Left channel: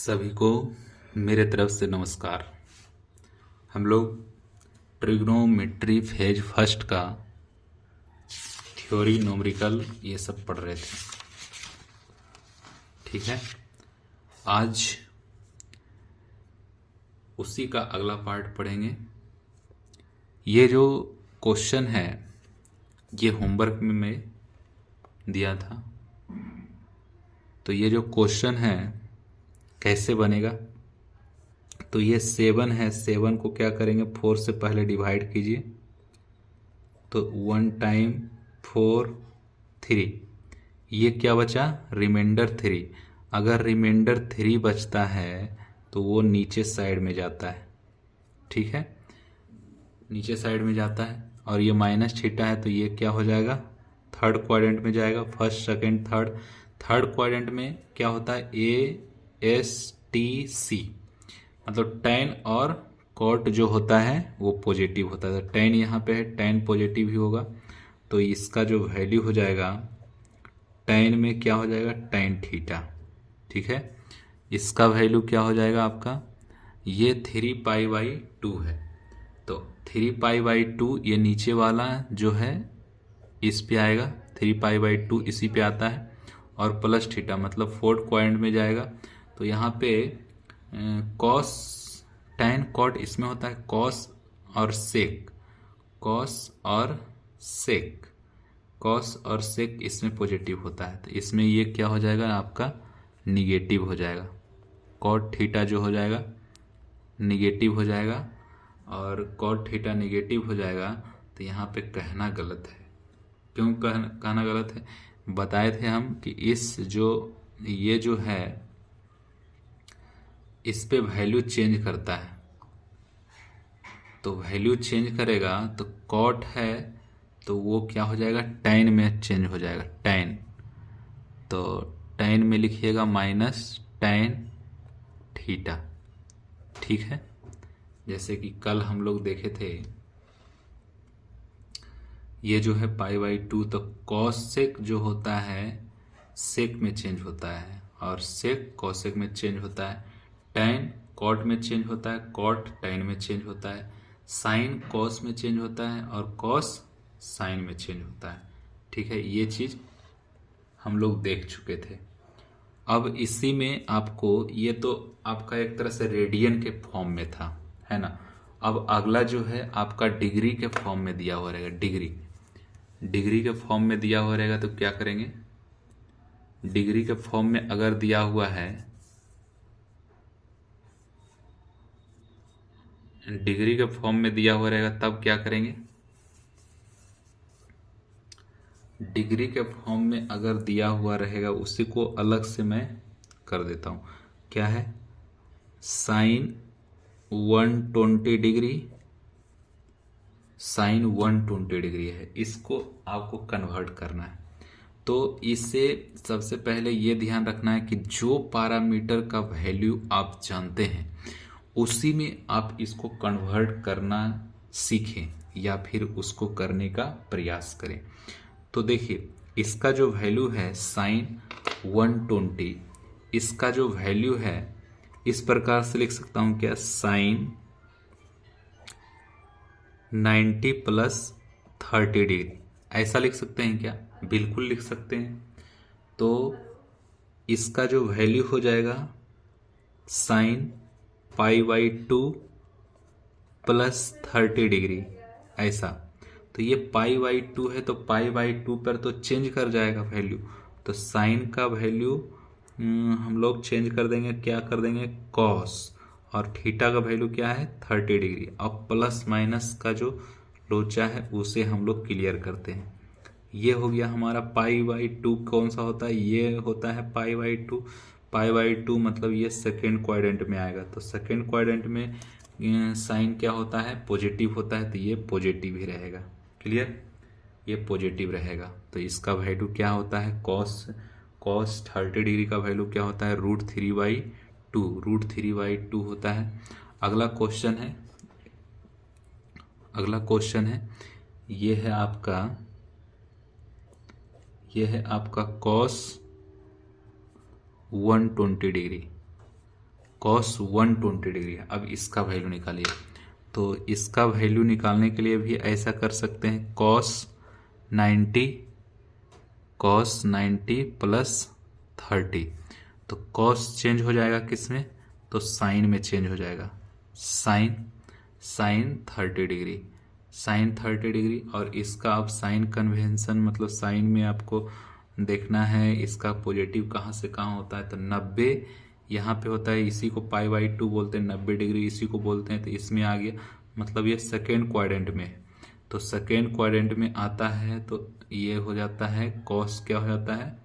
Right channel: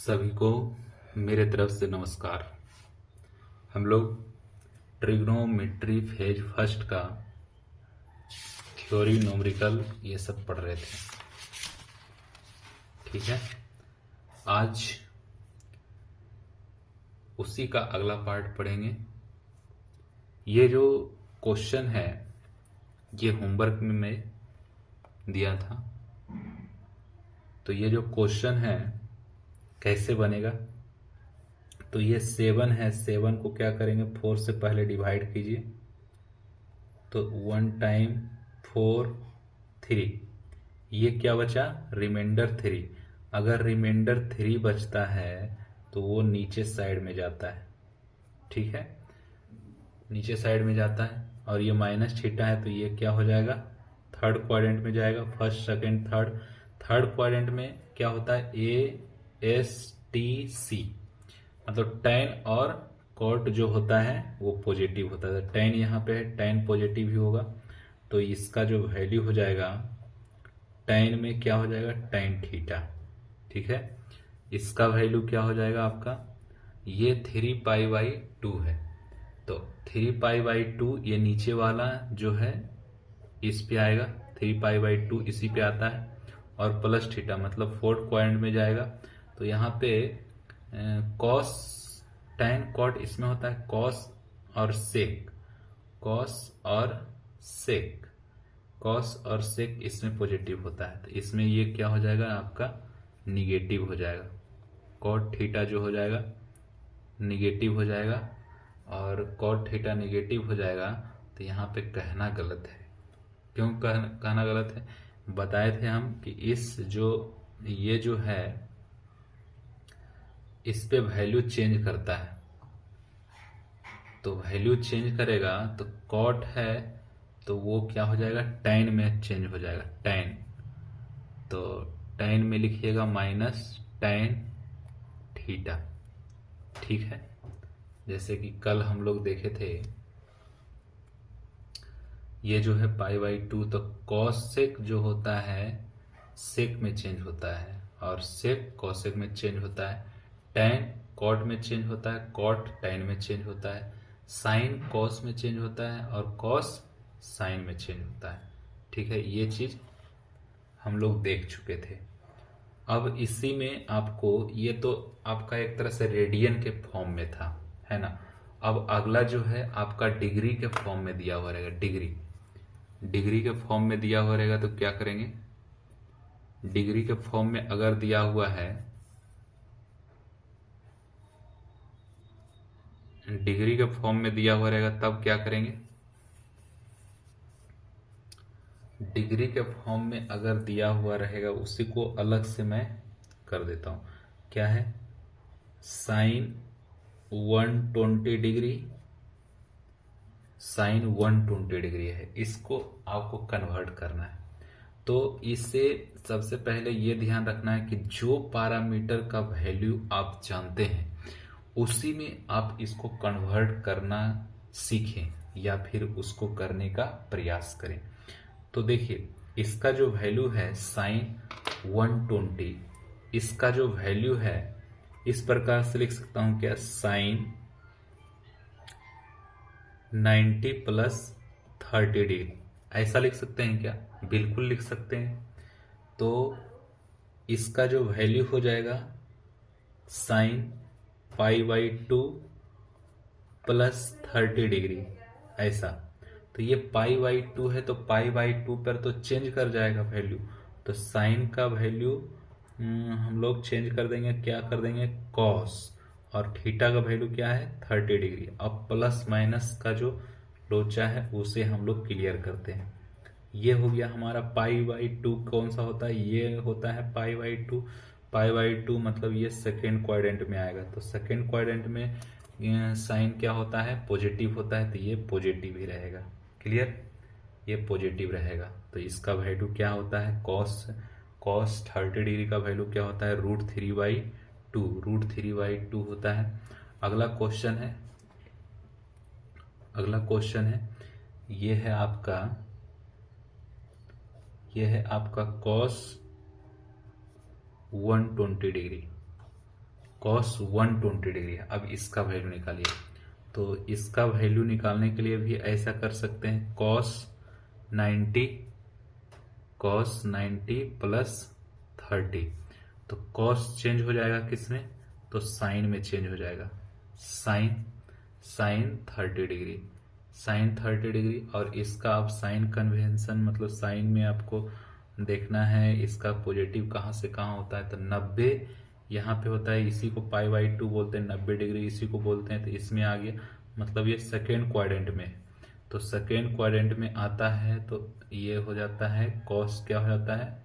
सभी को मेरे तरफ से नमस्कार। हम लोग ट्रिग्नोमेट्री फेज फर्स्ट का थ्योरी न्यूमेरिकल ये सब पढ़ रहे थे। ठीक है, आज उसी का अगला पार्ट पढ़ेंगे। ये जो क्वेश्चन है ये होमवर्क में मैं दिया था। तो ये जो क्वेश्चन है कैसे बनेगा, तो ये 7 है। 7 को क्या करेंगे, 4 से पहले डिवाइड कीजिए तो 1 टाइम 4 3, ये क्या बचा, रिमाइंडर 3। अगर रिमाइंडर 3 बचता है तो वो नीचे साइड में जाता है। ठीक है, नीचे साइड में जाता है। और ये माइनस थीटा है तो ये क्या हो जाएगा, थर्ड क्वाड्रेंट में जाएगा। फर्स्ट सेकंड थर्ड क्वाड्रेंट में क्या होता है, ASTC, मतलब टेन और कॉट जो होता है वो पॉजिटिव होता है। तो टेन यहाँ पे है, टेन पॉजिटिव ही होगा। तो इसका जो वैल्यू हो जाएगा टेन में क्या हो जाएगा, टेन थीटा। ठीक है, इसका वैल्यू क्या हो जाएगा आपका, ये 3π/2 है। तो 3π/2 ये नीचे वाला जो है इस पे आएगा, 3π/2 इसी पे आता है। और प्लस थीटा मतलब फोर्थ क्वाड्रेंट में जाएगा। तो यहाँ पे कॉस टैन कॉट इसमें होता है, कॉस और सेक, कॉस और सेक इसमें पॉजिटिव होता है। तो इसमें ये क्या हो जाएगा आपका, निगेटिव हो जाएगा। कॉट थीटा जो हो जाएगा निगेटिव हो जाएगा। और कॉट थीटा निगेटिव हो जाएगा तो यहाँ पे कहना गलत है। क्यों कहना गलत है, बताए थे हम कि ये जो है इस पे वैल्यू चेंज करता है। तो वैल्यू चेंज करेगा तो कॉट है तो वो क्या हो जाएगा, टैन में चेंज हो जाएगा, टैन। तो टैन में लिखिएगा माइनस टैन थीटा। ठीक है, जैसे कि कल हम लोग देखे थे ये जो है π/2, तो कॉस सेक जो होता है सेक में चेंज होता है और सेक कॉसेक में चेंज होता है। टैन कॉट में चेंज होता है, कॉट टैन में चेंज होता है, साइन कॉस में चेंज होता है और कॉस साइन में चेंज होता है। ठीक है, ये चीज हम लोग देख चुके थे। अब इसी में आपको, ये तो आपका एक तरह से रेडियन के फॉर्म में था, है ना। अब अगला जो है आपका डिग्री के फॉर्म में दिया हुआ रहेगा। डिग्री के फॉर्म में दिया हुआ रहेगा तो क्या करेंगे, डिग्री के फॉर्म में अगर दिया हुआ है, डिग्री के फॉर्म में दिया हुआ रहेगा तब क्या करेंगे, डिग्री के फॉर्म में अगर दिया हुआ रहेगा उसी को अलग से मैं कर देता हूं। क्या है, साइन 120 डिग्री, साइन 120 डिग्री है, इसको आपको कन्वर्ट करना है। तो इससे सबसे पहले ये ध्यान रखना है कि जो पैरामीटर का वैल्यू आप जानते हैं उसी में आप इसको कन्वर्ट करना सीखें या फिर उसको करने का प्रयास करें। तो देखिए इसका जो वैल्यू है साइन 120, इसका जो वैल्यू है इस प्रकार से लिख सकता हूं, क्या, साइन 90 + 30 डिग्री, ऐसा लिख सकते हैं क्या, बिल्कुल लिख सकते हैं। तो इसका जो वैल्यू हो जाएगा साइन π/2 + 30 डिग्री, ऐसा। तो ये π/2 है तो π/2 पर तो चेंज कर जाएगा वैल्यू। तो साइन का वैल्यू हम लोग चेंज कर देंगे, क्या कर देंगे, कॉस, और थीटा का वैल्यू क्या है, 30 डिग्री। अब प्लस माइनस का जो लोचा है उसे हम लोग क्लियर करते हैं। ये हो गया हमारा π/2, कौन सा होता है, ये होता है π/2। π/2 मतलब ये सेकेंड क्वाड्रेंट में आएगा। तो सेकेंड क्वाड्रेंट में साइन क्या होता है, पॉजिटिव होता है, तो ये पॉजिटिव ही रहेगा। क्लियर, ये पॉजिटिव रहेगा। तो इसका वैल्यू क्या होता है, कॉस 30 डिग्री का वैल्यू क्या होता है, √3/2 होता है। अगला क्वेश्चन है, ये है आपका कॉस 120 डिग्री। कॉस 120 डिग्री है। अब इसका वैल्यू निकालिए। तो इसका वैल्यू निकालने के लिए भी ऐसा कर सकते हैं, cos 90 प्लस 30। तो कॉस चेंज हो जाएगा किस में, तो साइन में चेंज हो जाएगा। Sine 30 degree, sine 30 degree. और इसका आप साइन कन्वेंशन मतलब साइन में आपको देखना है इसका पॉजिटिव कहाँ से कहाँ होता है। तो 90 यहाँ पे होता है, इसी को π/2 बोलते हैं, 90 डिग्री इसी को बोलते हैं। तो इसमें आ गया, मतलब ये सेकेंड क्वाड्रेंट में है। तो सेकेंड क्वाड्रेंट में आता है तो ये हो जाता है कॉस, क्या हो जाता है,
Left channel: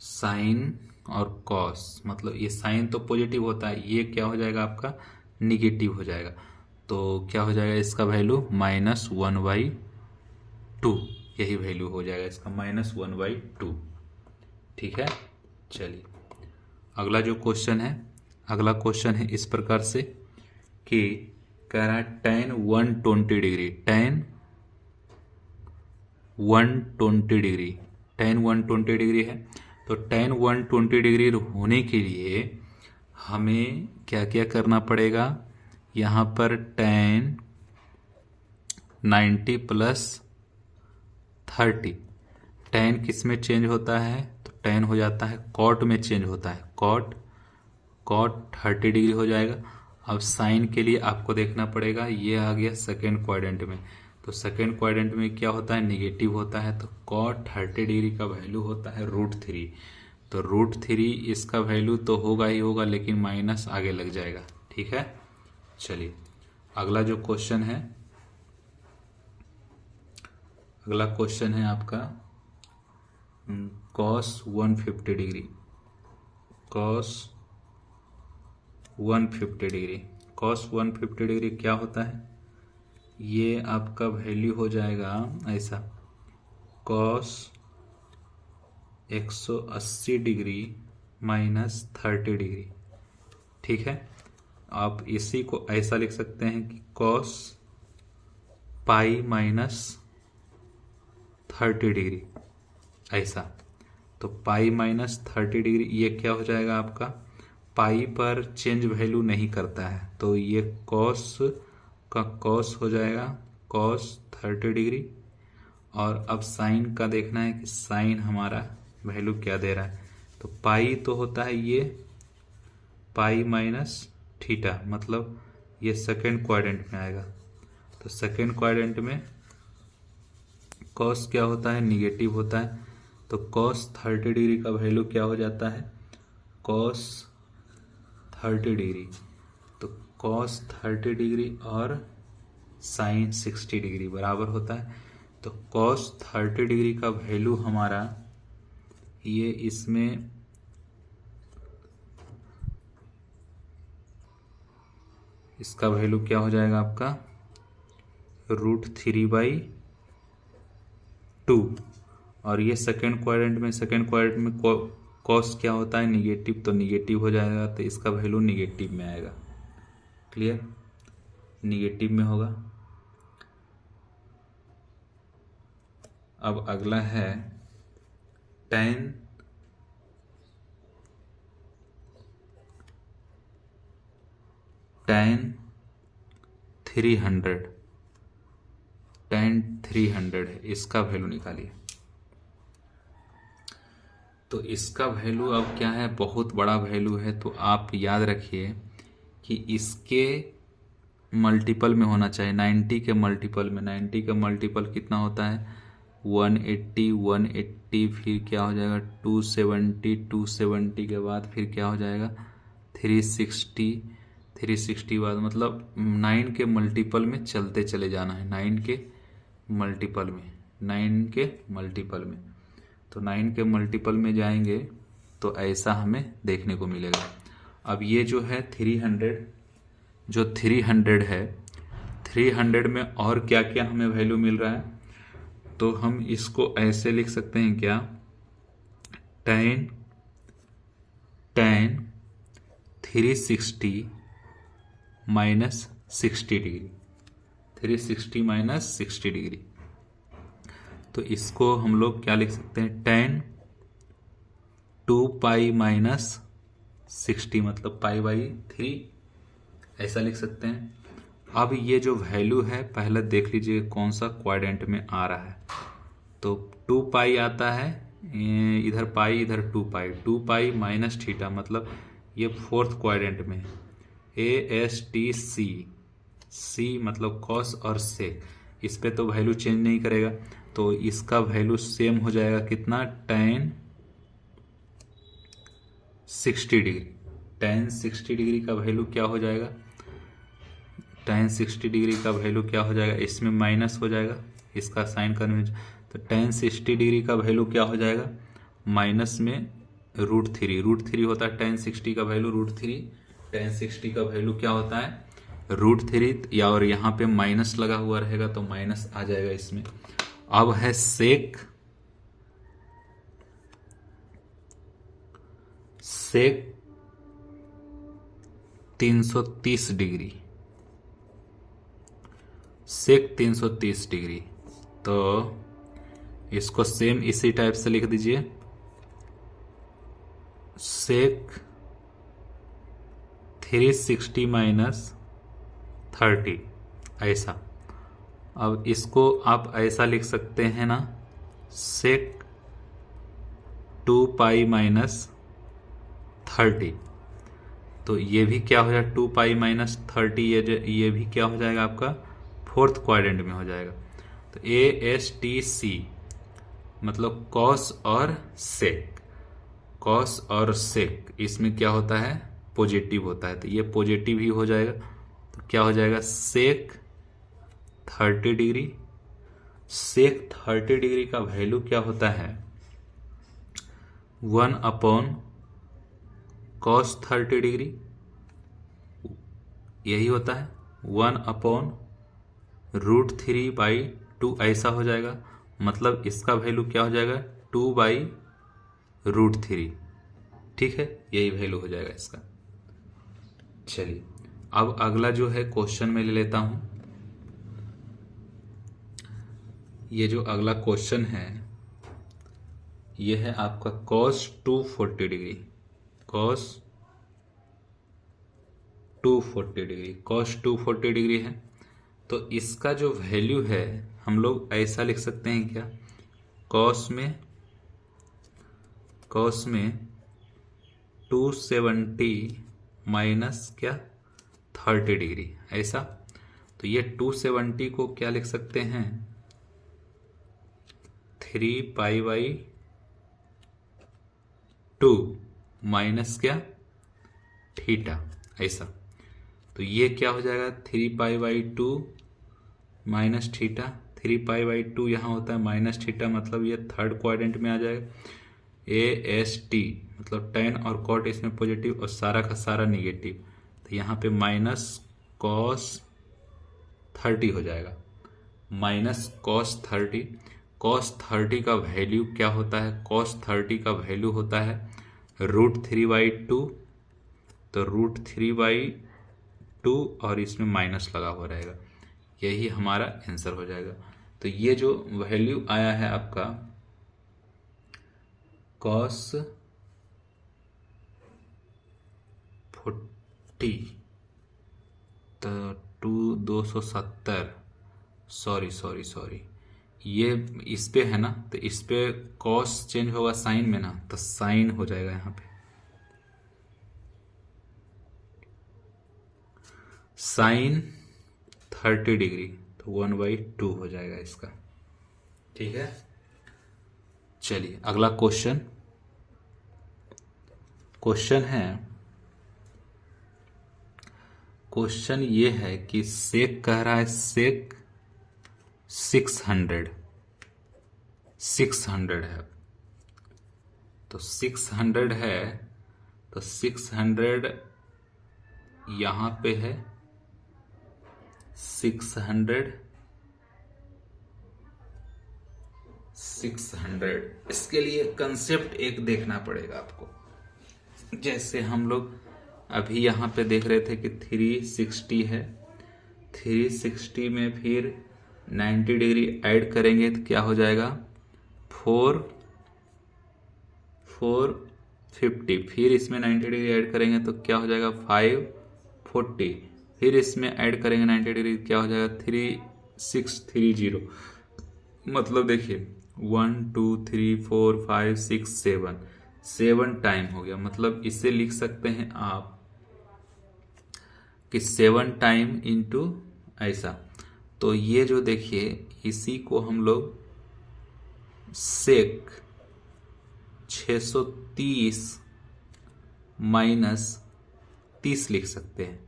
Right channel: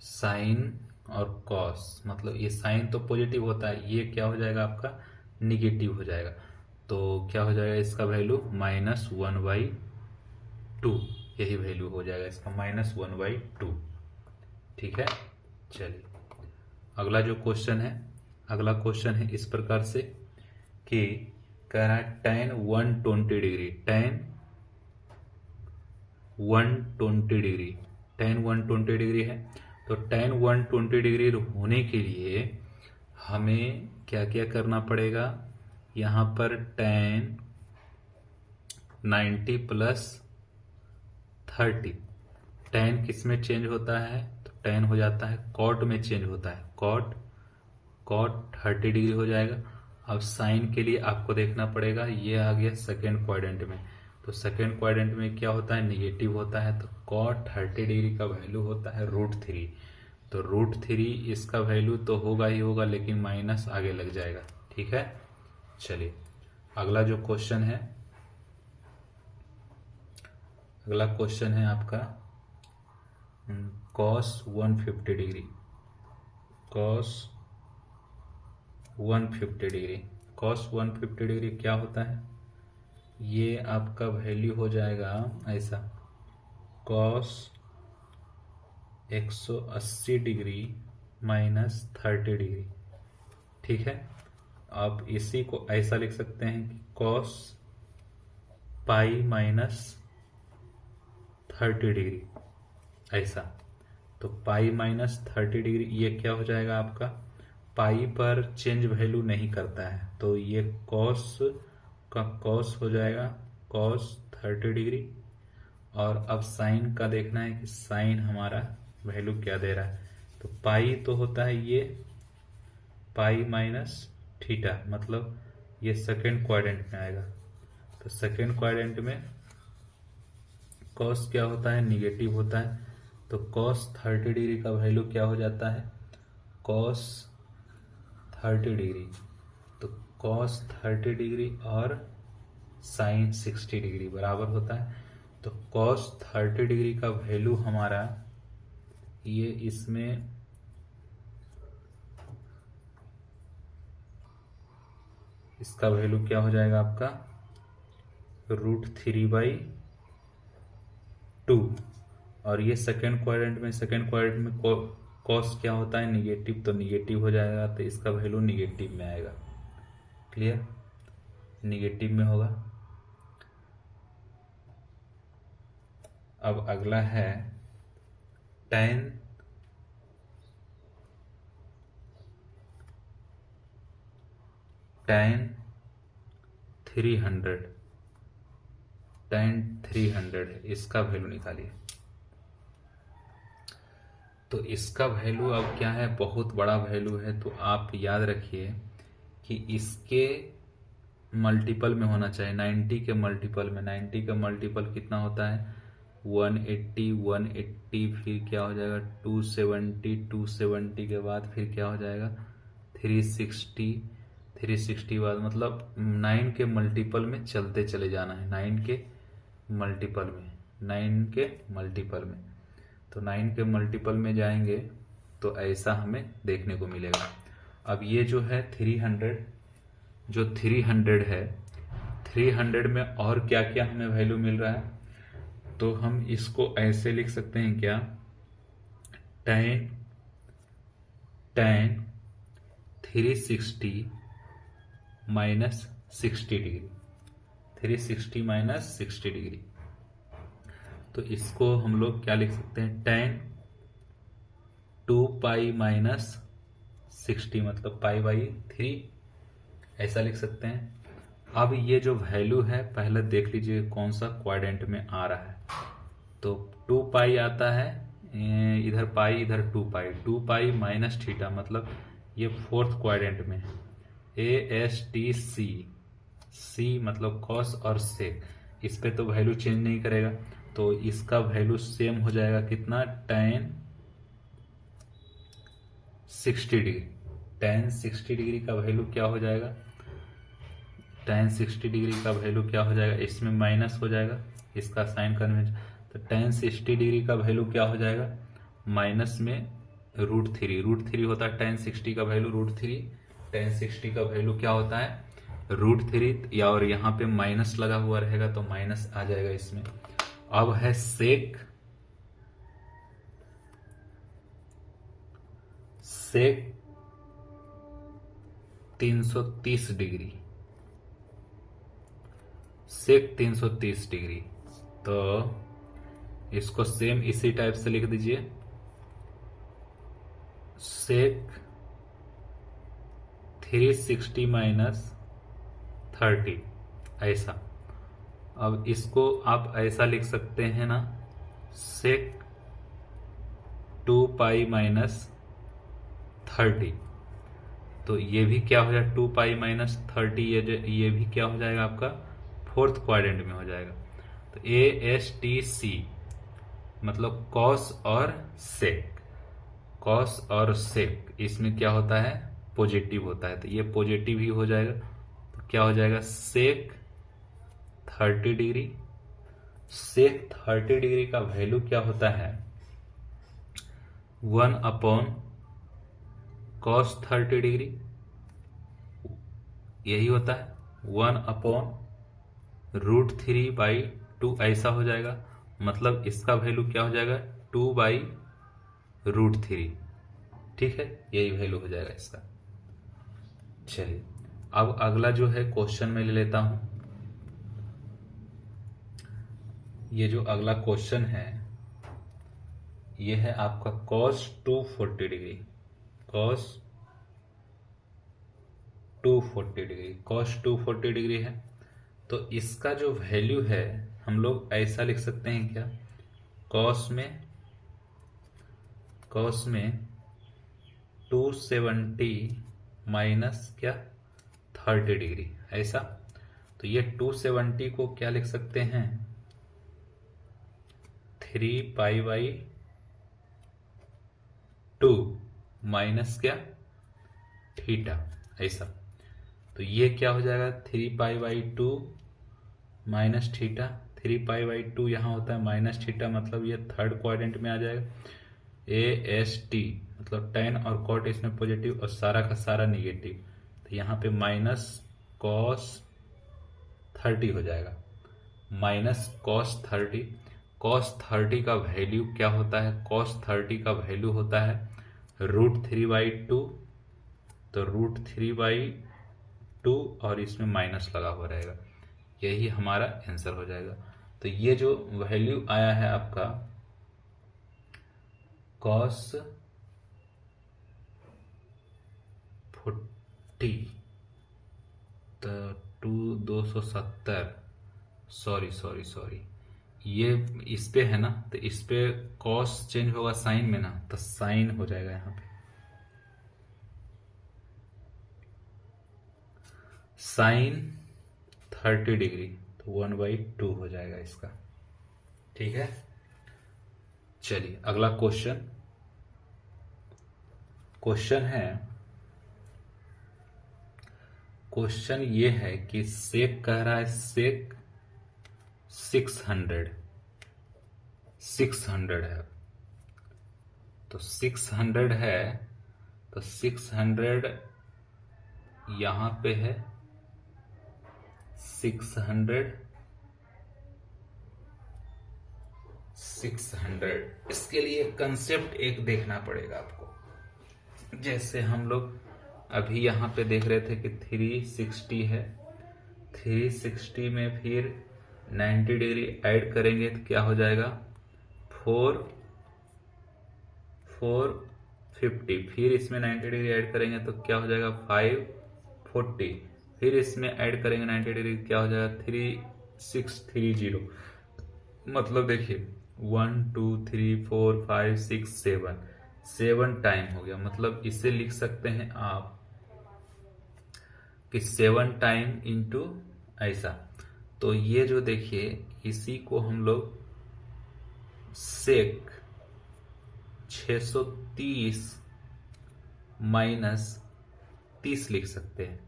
साइन और कॉस, मतलब ये साइन तो पॉजिटिव होता है, ये क्या हो जाएगा आपका निगेटिव हो जाएगा। तो क्या हो जाएगा इसका वैल्यू -1/2, यही वैल्यू हो जाएगा इसका -1/2। ठीक है, चलिए अगला जो क्वेश्चन है, अगला क्वेश्चन है इस प्रकार से कि कह रहा है tan 120 डिग्री, tan 120 डिग्री है। तो tan 120 डिग्री होने के लिए हमें क्या क्या करना पड़ेगा, यहाँ पर tan 90 प्लस 30, tan किस में चेंज होता है, तो tan हो जाता है cot में चेंज होता है, cot 30 डिग्री हो जाएगा। अब साइन के लिए आपको देखना पड़ेगा, ये आ गया सेकेंड क्वाड्रेंट में। तो सेकेंड क्वाड्रेंट में क्या होता है, निगेटिव होता है। तो cot 30 डिग्री का वैल्यू होता है √3। तो √3 इसका वैल्यू तो होगा ही होगा, लेकिन माइनस आगे लग जाएगा। ठीक है, चलिए अगला जो क्वेश्चन है, अगला क्वेश्चन है आपका cos 150 degree, cos 150 degree, cos 150 degree क्या होता है, ये आपका वैल्यू हो जाएगा ऐसा, cos 180 डिग्री -30 डिग्री। ठीक है, आप इसी को ऐसा लिख सकते हैं कि cos π-30 डिग्री, ऐसा। तो π-30 डिग्री ये क्या हो जाएगा आपका, पाई पर चेंज वैल्यू नहीं करता है, तो ये कॉस का कॉस हो जाएगा cos 30 डिग्री। और अब साइन का देखना है कि साइन हमारा वैल्यू क्या दे रहा है। तो पाई तो होता है ये π-θ, मतलब ये सेकेंड क्वाड्रेंट में आएगा। तो सेकेंड क्वाड्रेंट में कॉस क्या होता है, निगेटिव होता है। तो cos 30 डिग्री का वैल्यू क्या हो जाता है, cos 30 डिग्री। तो cos 30 डिग्री और साइन 60 डिग्री बराबर होता है। तो cos 30 डिग्री का वैल्यू हमारा ये इसमें इसका वैल्यू क्या हो जाएगा आपका √3/2। और ये सेकेंड क्वाड्रेंट में कॉस क्या होता है, निगेटिव, तो निगेटिव हो जाएगा। तो इसका वैल्यू निगेटिव में आएगा। क्लियर, निगेटिव में होगा। अब अगला है tan 300 है, इसका वैल्यू निकालिए। तो इसका वैल्यू अब क्या है, बहुत बड़ा वैल्यू है। तो आप याद रखिए कि इसके मल्टीपल में होना चाहिए, 90 के मल्टीपल में। 90 का मल्टीपल कितना होता है, 180, फिर क्या हो जाएगा 270 के बाद फिर क्या हो जाएगा 360 बाद, मतलब 9 के मल्टीपल में चलते चले जाना है, 9 के मल्टीपल में। तो 9 के मल्टीपल में जाएंगे तो ऐसा हमें देखने को मिलेगा। अब ये जो है 300 है, 300 में और क्या क्या हमें वैल्यू मिल रहा है, तो हम इसको ऐसे लिख सकते हैं क्या, tan 360 -60 डिग्री, 360 -60 डिग्री। तो इसको हम लोग क्या लिख सकते हैं, tan 2π 60 मतलब π/3, ऐसा लिख सकते हैं। अब ये जो वैल्यू है पहले देख लीजिए कौन सा क्वाड्रेंट में आ रहा है। तो 2π आता है, इधर पाई इधर 2π माइनस थीटा, मतलब ये फोर्थ क्वाड्रेंट में। ASTC, C मतलब कॉस और सेक, इस पे तो वैल्यू चेंज नहीं करेगा, तो इसका वैल्यू सेम हो जाएगा कितना, tan 60 डिग्री। tan 60 डिग्री का वैल्यू क्या हो जाएगा, tan 60 डिग्री का वैल्यू क्या हो जाएगा, इसमें माइनस हो जाएगा, इसका साइन कन्वेंशन, तो tan 60 डिग्री का वैल्यू क्या हो जाएगा, माइनस में √3 होता है tan 60 का वैल्यू √3, tan 60 का वैल्यू क्या होता है √3, या और यहाँ पे माइनस लगा हुआ रहेगा तो माइनस आ जाएगा इसमें। अब है सेक 330 डिग्री, सेक 330 डिग्री, तो इसको सेम इसी टाइप से लिख दीजिए, सेक 360 माइनस 30, ऐसा। अब इसको आप ऐसा लिख सकते हैं ना, सेक 2π माइनस 30, तो ये भी क्या हो जाएगा 2π माइनस 30, ये भी क्या हो जाएगा आपका फोर्थ क्वाड्रेंट में हो जाएगा। तो ASTC मतलब कॉस और सेक, कॉस और सेक इसमें क्या होता है पॉजिटिव होता है, तो ये पॉजिटिव ही हो जाएगा, तो क्या हो जाएगा सेक 30 डिग्री। सेक 30 डिग्री का वैल्यू क्या होता है 1/cos 30 डिग्री, यही होता है 1/√3/2, ऐसा हो जाएगा, मतलब इसका वैल्यू क्या हो जाएगा 2/√3, ठीक है, यही वैल्यू हो जाएगा इसका। चलिए अब अगला जो है क्वेश्चन में ले लेता हूं। ये जो अगला क्वेश्चन है ये है आपका cos 240 डिग्री, cos 240 डिग्री है, तो इसका जो वैल्यू है हम लोग ऐसा लिख सकते हैं क्या, cos में 270 माइनस क्या 30 डिग्री, ऐसा। तो ये 270 को क्या लिख सकते हैं 3π/2 माइनस क्या थीटा, ऐसा। तो ये क्या हो जाएगा 3π/2 माइनस थीटा, 3π/2 यहाँ होता है माइनस थीटा, मतलब ये थर्ड क्वाड्रेंट में आ जाएगा। AST मतलब tan और cot इसमें पॉजिटिव और सारा का सारा निगेटिव, तो यहाँ पे माइनस cos 30 हो जाएगा, माइनस cos 30। cos 30 का वैल्यू क्या होता है, cos 30 का वैल्यू होता है √3/2, तो √3/2 और इसमें माइनस लगा हुआ रहेगा, यही हमारा आंसर हो जाएगा। तो ये जो वैल्यू आया है आपका cos 40 तो 270, सॉरी ये इस पे है ना, तो इस पे cos चेंज होगा साइन में ना, तो साइन हो जाएगा यहाँ पे साइन 30 डिग्री, तो 1/2 हो जाएगा इसका, ठीक है। चलिए अगला क्वेश्चन ये है कि सेक कह रहा है, सेक 600 है, तो 600 है, तो 600 यहां पे है 600, इसके लिए कंसेप्ट एक देखना पड़ेगा आपको। जैसे हम लोग अभी यहाँ पे देख रहे थे कि 360 है, 360 में फिर 90 डिग्री ऐड करेंगे तो क्या हो जाएगा 4 50, फिर इसमें 90 डिग्री ऐड करेंगे तो क्या हो जाएगा 540, फिर इसमें ऐड करेंगे 90 डिग्री क्या हो जाएगा 3630। मतलब देखिए 1 2 3 4 5 6 7, 7 टाइम हो गया। मतलब इसे लिख सकते हैं आप कि 7 टाइम इंटू ऐसा। तो ये जो देखिए इसी को हम लोग सेक 630 माइनस 30 लिख सकते हैं।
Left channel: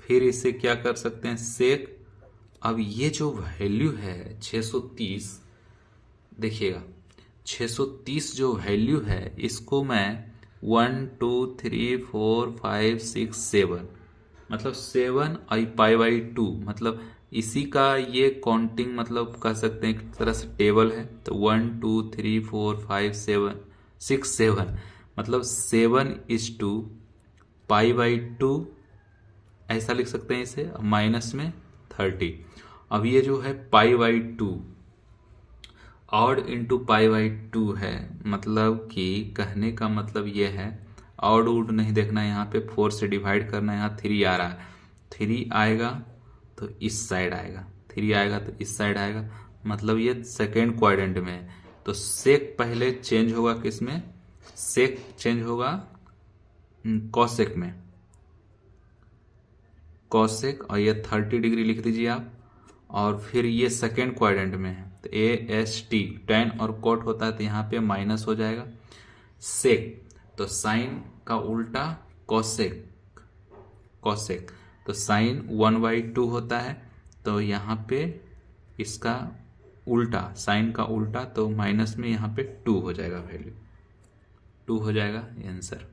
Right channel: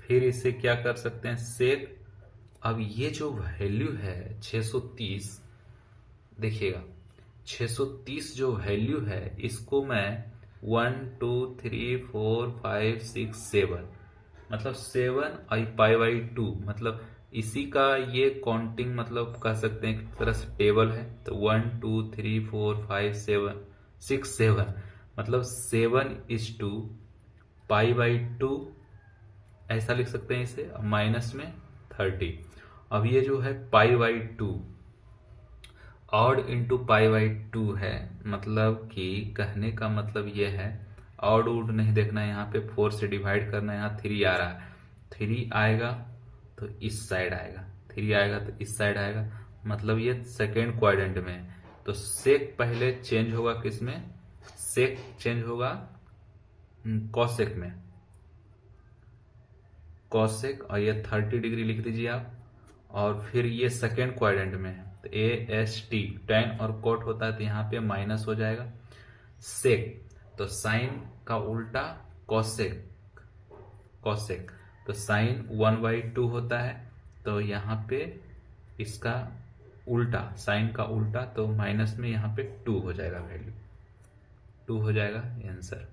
फिर इसे क्या कर सकते हैं सेक, अब ये जो वैल्यू है 630, देखिएगा 630 जो वैल्यू है इसको मैं 1 2 3 4 5 6 7, मतलब 7 आई पाई बाई 2, मतलब इसी का ये काउंटिंग मतलब कह सकते हैं एक तरह से टेबल है। तो 1 2 3 4 5 7 6 7, मतलब 7:2 पाई बाई 2, ऐसा लिख सकते हैं इसे, माइनस में 30। अब ये जो है पाई by 2 odd into pi by 2 है, मतलब कि कहने का मतलब ये है ऑड उड नहीं देखना है, यहाँ पे 4 से डिवाइड करना है। यहाँ 3 आ रहा है, 3 आएगा तो इस साइड आएगा, 3 आएगा तो इस साइड आएगा, मतलब ये सेकेंड क्वाड्रेंट में है। तो सेक पहले चेंज होगा किसमें, सेक चेंज होगा कॉसेक में, कॉसेक, और ये 30 डिग्री लिख दीजिए आप। और फिर ये सेकेंड क्वाड्रेंट में है तो AST टेन और कोट होता है तो यहाँ पे माइनस हो जाएगा। सेक तो साइन का उल्टा कॉसेक, कॉसेक तो साइन 1/2 होता है, तो यहाँ पे इसका उल्टा, साइन का उल्टा, तो माइनस में यहाँ पे 2 हो जाएगा, वैल्यू 2 हो जाएगा आंसर।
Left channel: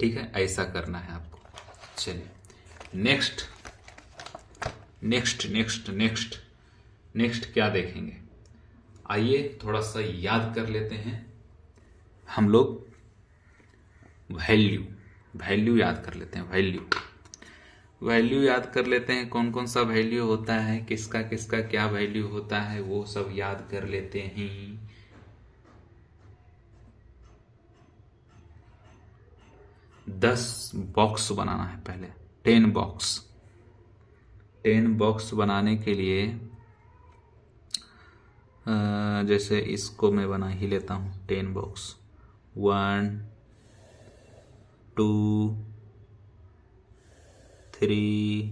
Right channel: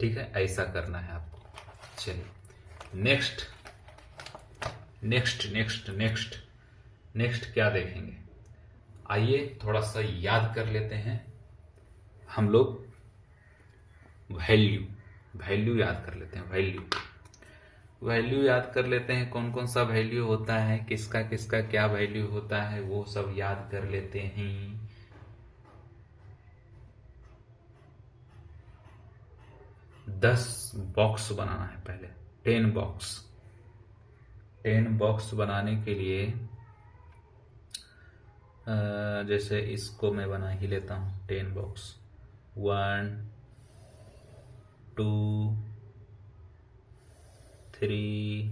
ठीक है, ऐसा करना है आपको। चलिए next next next next next क्या देखेंगे, आइए थोड़ा सा याद कर लेते हैं हम लोग। वैल्यू, वैल्यू याद कर लेते हैं, वैल्यू, वैल्यू याद कर लेते हैं। कौन कौन सा वैल्यू होता है, किसका किसका क्या वैल्यू होता है, वो सब याद कर लेते हैं। 10 बॉक्स बनाना है पहले, 10 बॉक्स। 10 बॉक्स बनाने के लिए जैसे इसको मैं बना ही लेता हूँ 10 बॉक्स। 1 2 3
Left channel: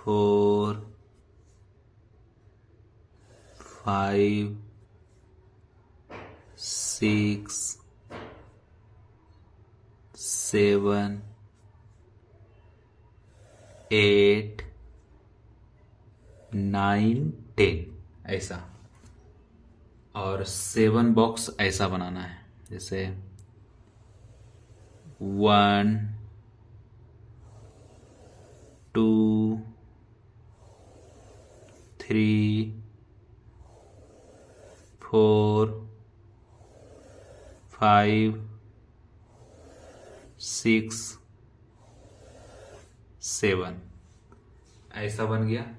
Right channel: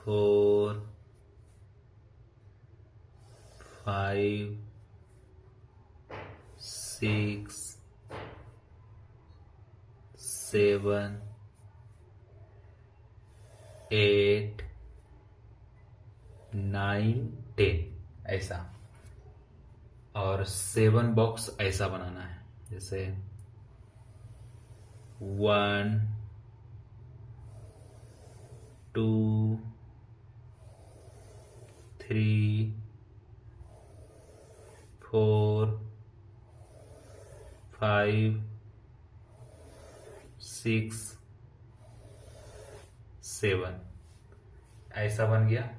4 5 6 7 8 9 10, ऐसा। और 7 बॉक्स ऐसा बनाना है, जैसे 1 2 3 4 5 6 7, ऐसा बन गया।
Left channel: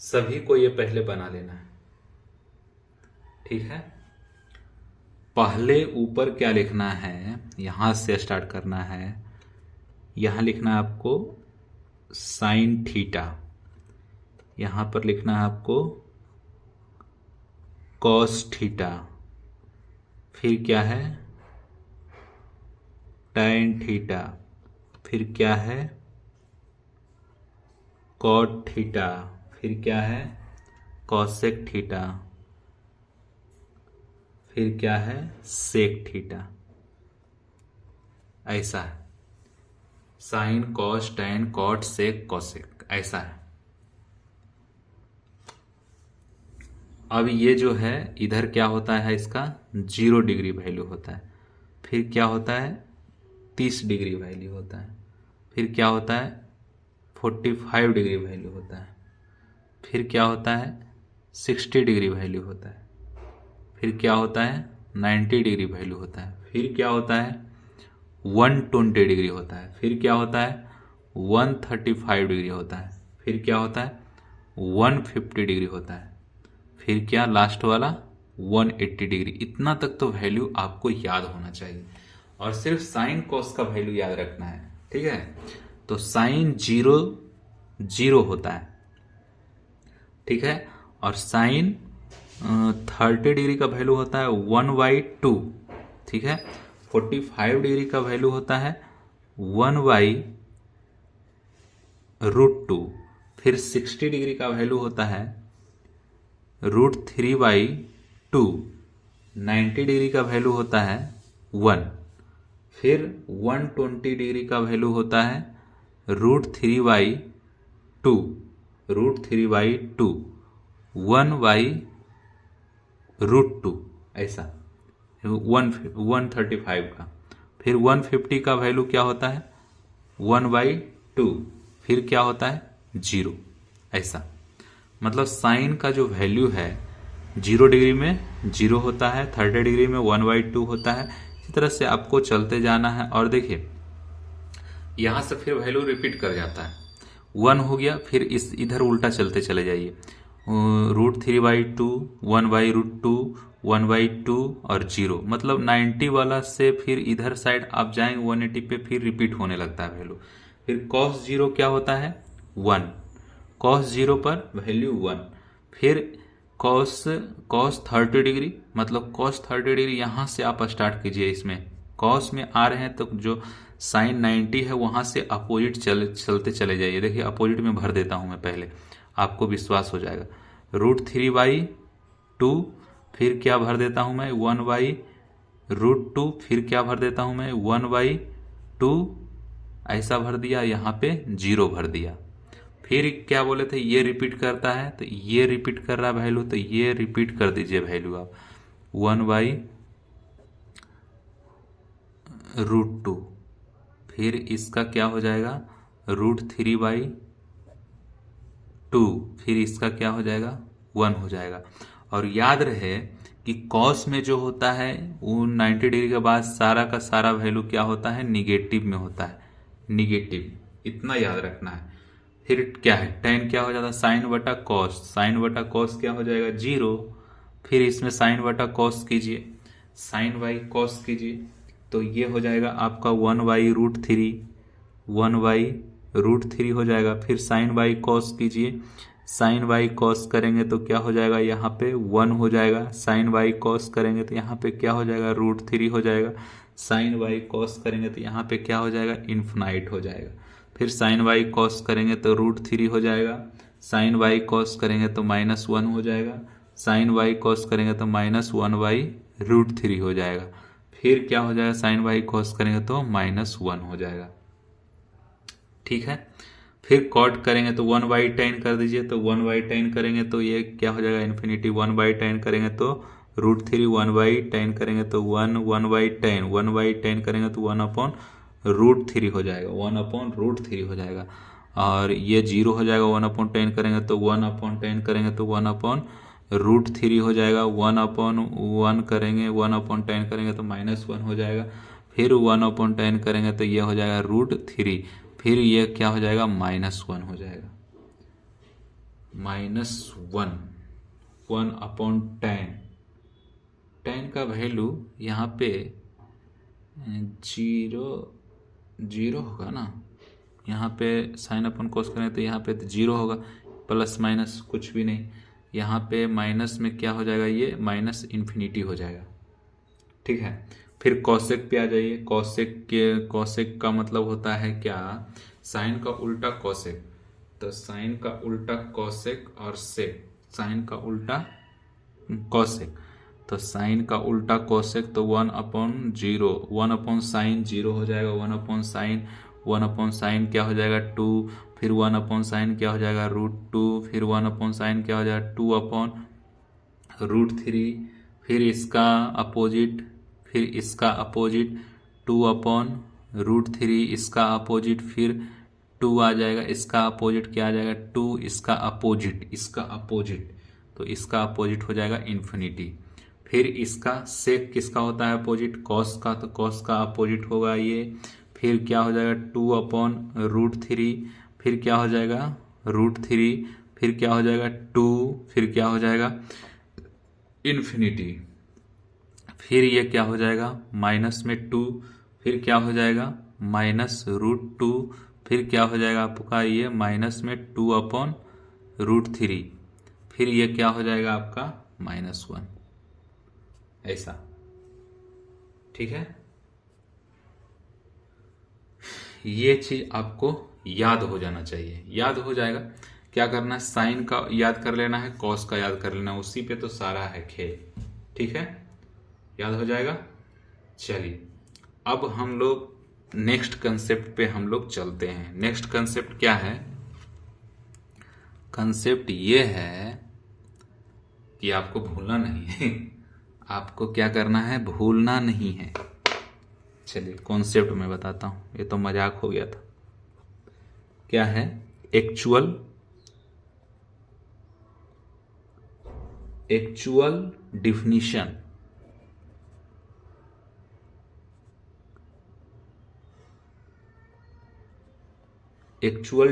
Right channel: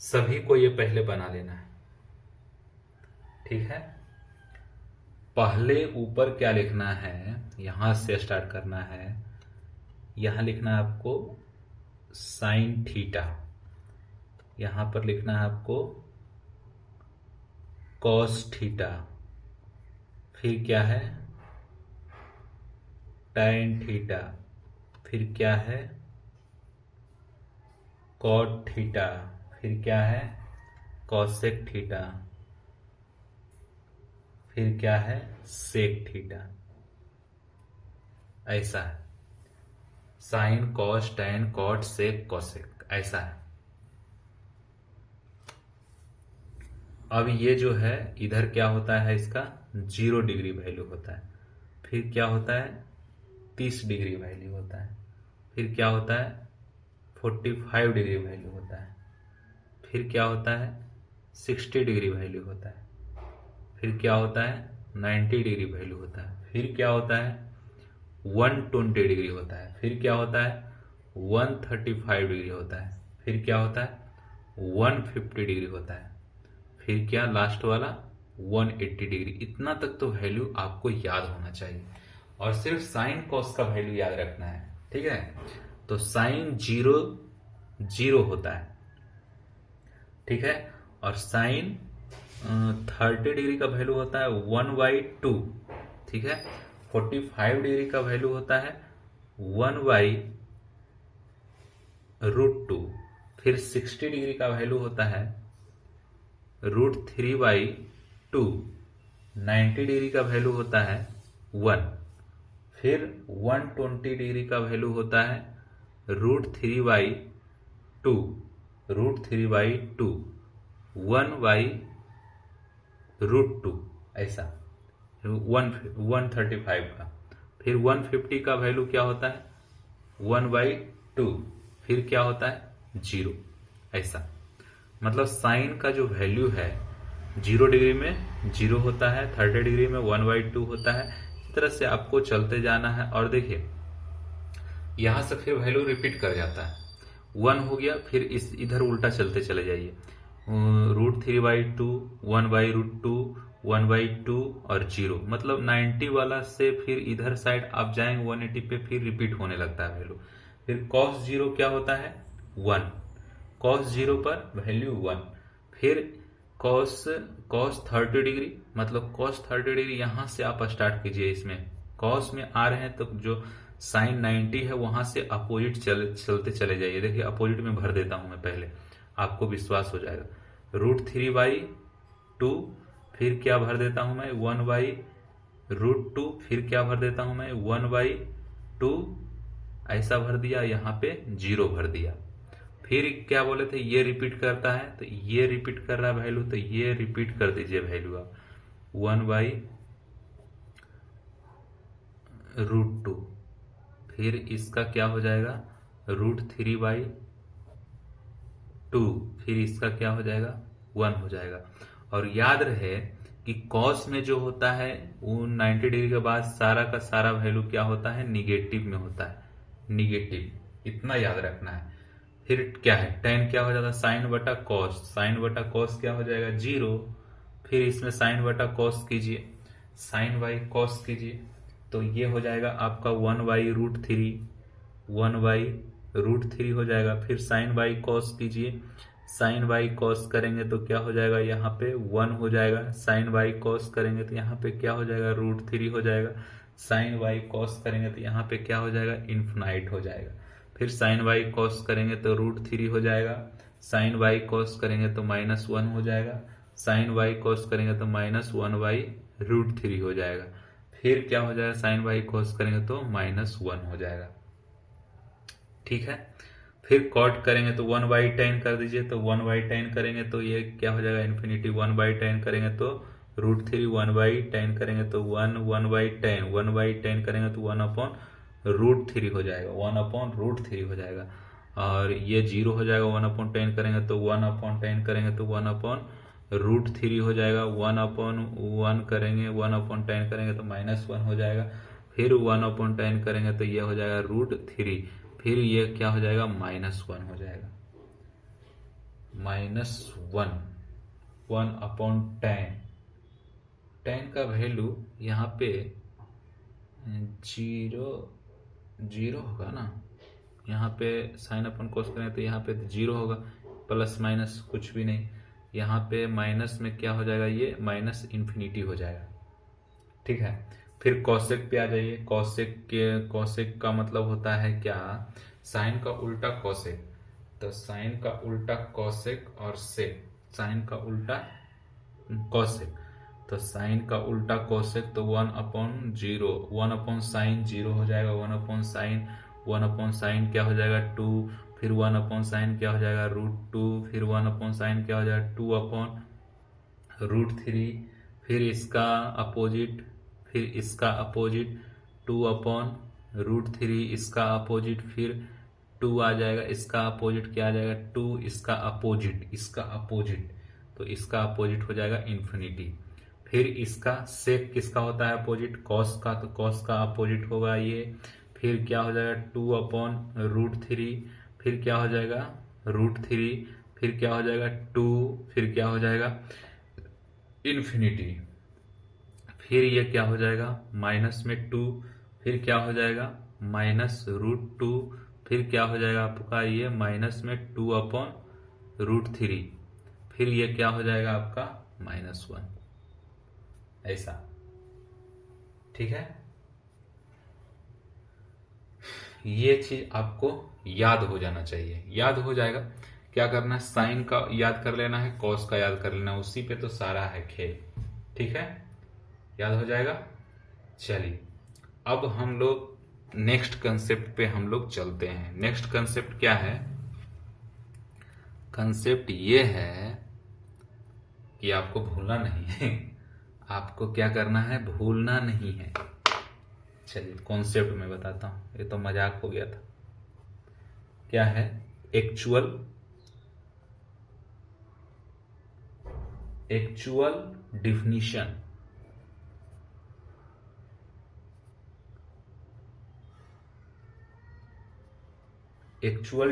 सभी को ये पहले बना लेना है, ठीक है। पहले ऊपर क्या लिखना है, यहां से स्टार्ट करना है। यहां लिखना है आपको साइन थीटा, यहां पर लिखना है आपको कॉस थीटा, फिर क्या है टैन थीटा, फिर क्या है कॉट थीटा, फिर क्या है कॉसेक थीटा, फिर क्या है सेक थीटा, ऐसा है। Sine cos tan cot sec cosec, ऐसा है। अब ये जो है इधर क्या होता है, इसका 0 डिग्री वैल्यू होता है, फिर क्या होता है 30 डिग्री वैल्यू होता है, फिर क्या होता है 45 डिग्री वैल्यू होता है, फिर क्या होता है 60 डिग्री वैल्यू होता है, फिर क्या होता है 90 डिग्री वैल्यू होता है, फिर क्या होता है 120 डिग्री होता है, फिर क्या होता है 135 डिग्री होता है, फिर क्या होता है 150 डिग्री होता है, फिर क्या लास्ट वाला 180 डिग्री। इतना तक तो वैल्यू आपको याद होना चाहिए और सिर्फ साइन कॉस का वैल्यू याद रखना है, ठीक है। तो साइन 0 0 होता है, ठीक है, और साइन 30 डिग्री का वैल्यू होता है 1/2, ठीक है। 45 डिग्री का वैल्यू होता है 1/√2। फिर 60 डिग्री का वैल्यू होता है √3/2। 90 डिग्री का वैल्यू होता है 1। फिर 120 डिग्री का वैल्यू होता है √3/2। √3/2 1/√2, ऐसा 135 का। फिर 150 का वैल्यू क्या होता है 1/2। फिर क्या होता है 0, ऐसा। मतलब साइन का जो वैल्यू है 0 डिग्री में 0 होता है, 30 डिग्री में 1/2 होता है। इसी तरह से आपको चलते जाना है। और देखिए यहां से फिर वैल्यू रिपीट कर जाता है, 1 हो गया, फिर इस इधर उल्टा चलते चले जाइए, √3/2, 1/√2, 1/2 और 0। मतलब 90 वाला से फिर इधर साइड आप जाएंगे 180 पे, फिर रिपीट होने लगता है वैल्यू। फिर cos 0 क्या होता है 1, cos 0 पर वैल्यू 1। फिर cos 30 डिग्री, मतलब cos 30 डिग्री यहां से आप स्टार्ट कीजिए। इसमें cos में आ रहे हैं तो जो साइन 90 है वहां से अपोजिट चलते चले जाइए। देखिए अपोजिट में भर देता हूं मैं पहले, आपको विश्वास हो जाएगा। √3/2, फिर क्या भर देता हूं मैं 1/√2। फिर क्या भर देता हूं मैं 1/2, ऐसा भर दिया, यहाँ पे 0 भर दिया। फिर क्या बोले थे ये रिपीट करता है, तो ये रिपीट कर रहा है वैल्यू, तो ये रिपीट कर दीजिए वैल्यू आप 1/√2। फिर इसका क्या हो जाएगा √3/2। फिर इसका क्या हो जाएगा 1 हो जाएगा। और याद रहे कि कॉस में जो होता है वो 90 डिग्री के बाद सारा का सारा वैल्यू क्या होता है निगेटिव में होता है, निगेटिव, इतना याद रखना है। फिर क्या है टेन क्या हो जाता है साइन बटा कॉस, साइन बटा कॉस क्या हो जाएगा 0। फिर इसमें साइन बटा कॉस कीजिए, साइन बाई कॉस कीजिए, तो ये हो जाएगा आपका 1/√3, 1/√3 हो जाएगा। फिर साइन बाई कॉस कीजिए, साइन बाई कॉस करेंगे तो क्या हो जाएगा यहाँ पे 1 हो जाएगा। साइन बाई कॉस करेंगे तो यहाँ पे क्या हो जाएगा √3 हो जाएगा। साइन बाई कॉस करेंगे तो यहाँ पे क्या हो जाएगा इन्फिनाइट हो जाएगा। फिर साइन बाई कॉस करेंगे तो √3 हो जाएगा। साइन बाई कॉस करेंगे तो -1 हो जाएगा। साइन बाई कॉस करेंगे तो -1/√3 हो जाएगा। फिर क्या हो जाएगा साइन बाई कॉस करेंगे तो -1 हो जाएगा, ठीक है। फिर कॉट करेंगे तो 1/10 कर दीजिए, तो 1/10 करेंगे तो ये क्या हो जाएगा इन्फिनिटी। 1/10 करेंगे तो √3, 1/10 करेंगे तो 1/10, 1/10 करेंगे तो 1/√3 हो जाएगा, 1/√3 हो जाएगा। और ये 0 हो जाएगा। 1/10 करेंगे तो 1/10 करेंगे तो 1/√3 हो जाएगा। 1/1 करेंगे, 1/10 करेंगे तो -1 हो जाएगा। फिर 1/10 करेंगे तो ये हो जाएगा √3। फिर ये क्या हो जाएगा -1 हो जाएगा, -1, 1/10। 10 का वैल्यू यहाँ पे 0 होगा ना, यहाँ पे साइन अपन कोस करें तो यहाँ पे 0 होगा, प्लस माइनस कुछ भी नहीं। यहाँ पे माइनस में क्या हो जाएगा ये -इन्फिनिटी हो जाएगा, ठीक है। फिर कॉसेक पे आ जाइए। कॉसेक का मतलब होता है क्या साइन का उल्टा कॉसेक, तो साइन का उल्टा कॉसेक और सेक, साइन का उल्टा कॉसेक, तो साइन का उल्टा कॉसेक तो 1/0, 1/sin 0 हो जाएगा। 1/sin क्या हो जाएगा 2। फिर 1/sin क्या हो जाएगा √2। फिर 1/sin क्या हो जाएगा 2/√3। फिर इसका अपोजिट, फिर इसका अपोजिट 2/√3, इसका अपोजिट फिर 2 आ जाएगा। इसका अपोजिट क्या आ जाएगा 2, इसका अपोजिट, इसका अपोजिट, तो इसका अपोजिट हो जाएगा इन्फिनिटी। फिर इसका सेक किसका होता है अपोजिट कॉस का, तो कॉस का अपोजिट होगा ये। फिर क्या हो जाएगा 2/√3। फिर क्या हो जाएगा √3। फिर क्या हो जाएगा 2। फिर क्या हो जाएगा इन्फिनिटी, फिर ये क्या हो जाएगा माइनस में 2, फिर क्या हो जाएगा -√2, फिर क्या हो जाएगा आपका ये माइनस में 2/√3, फिर ये क्या हो जाएगा आपका -1, ऐसा। ठीक है, ये चीज आपको याद हो जाना चाहिए। याद हो जाएगा, क्या करना है, साइन का याद कर लेना है, कॉस का याद कर लेना है, उसी पे तो सारा है खेल। ठीक है, याद हो जाएगा। चलिए अब हम लोग नेक्स्ट कंसेप्ट पे हम लोग चलते हैं। नेक्स्ट कंसेप्ट क्या है, कंसेप्ट ये है कि आपको भूलना नहीं है आपको क्या करना है, भूलना नहीं है। चलिए कॉन्सेप्ट में बताता हूं, ये तो मजाक हो गया था। क्या है, actual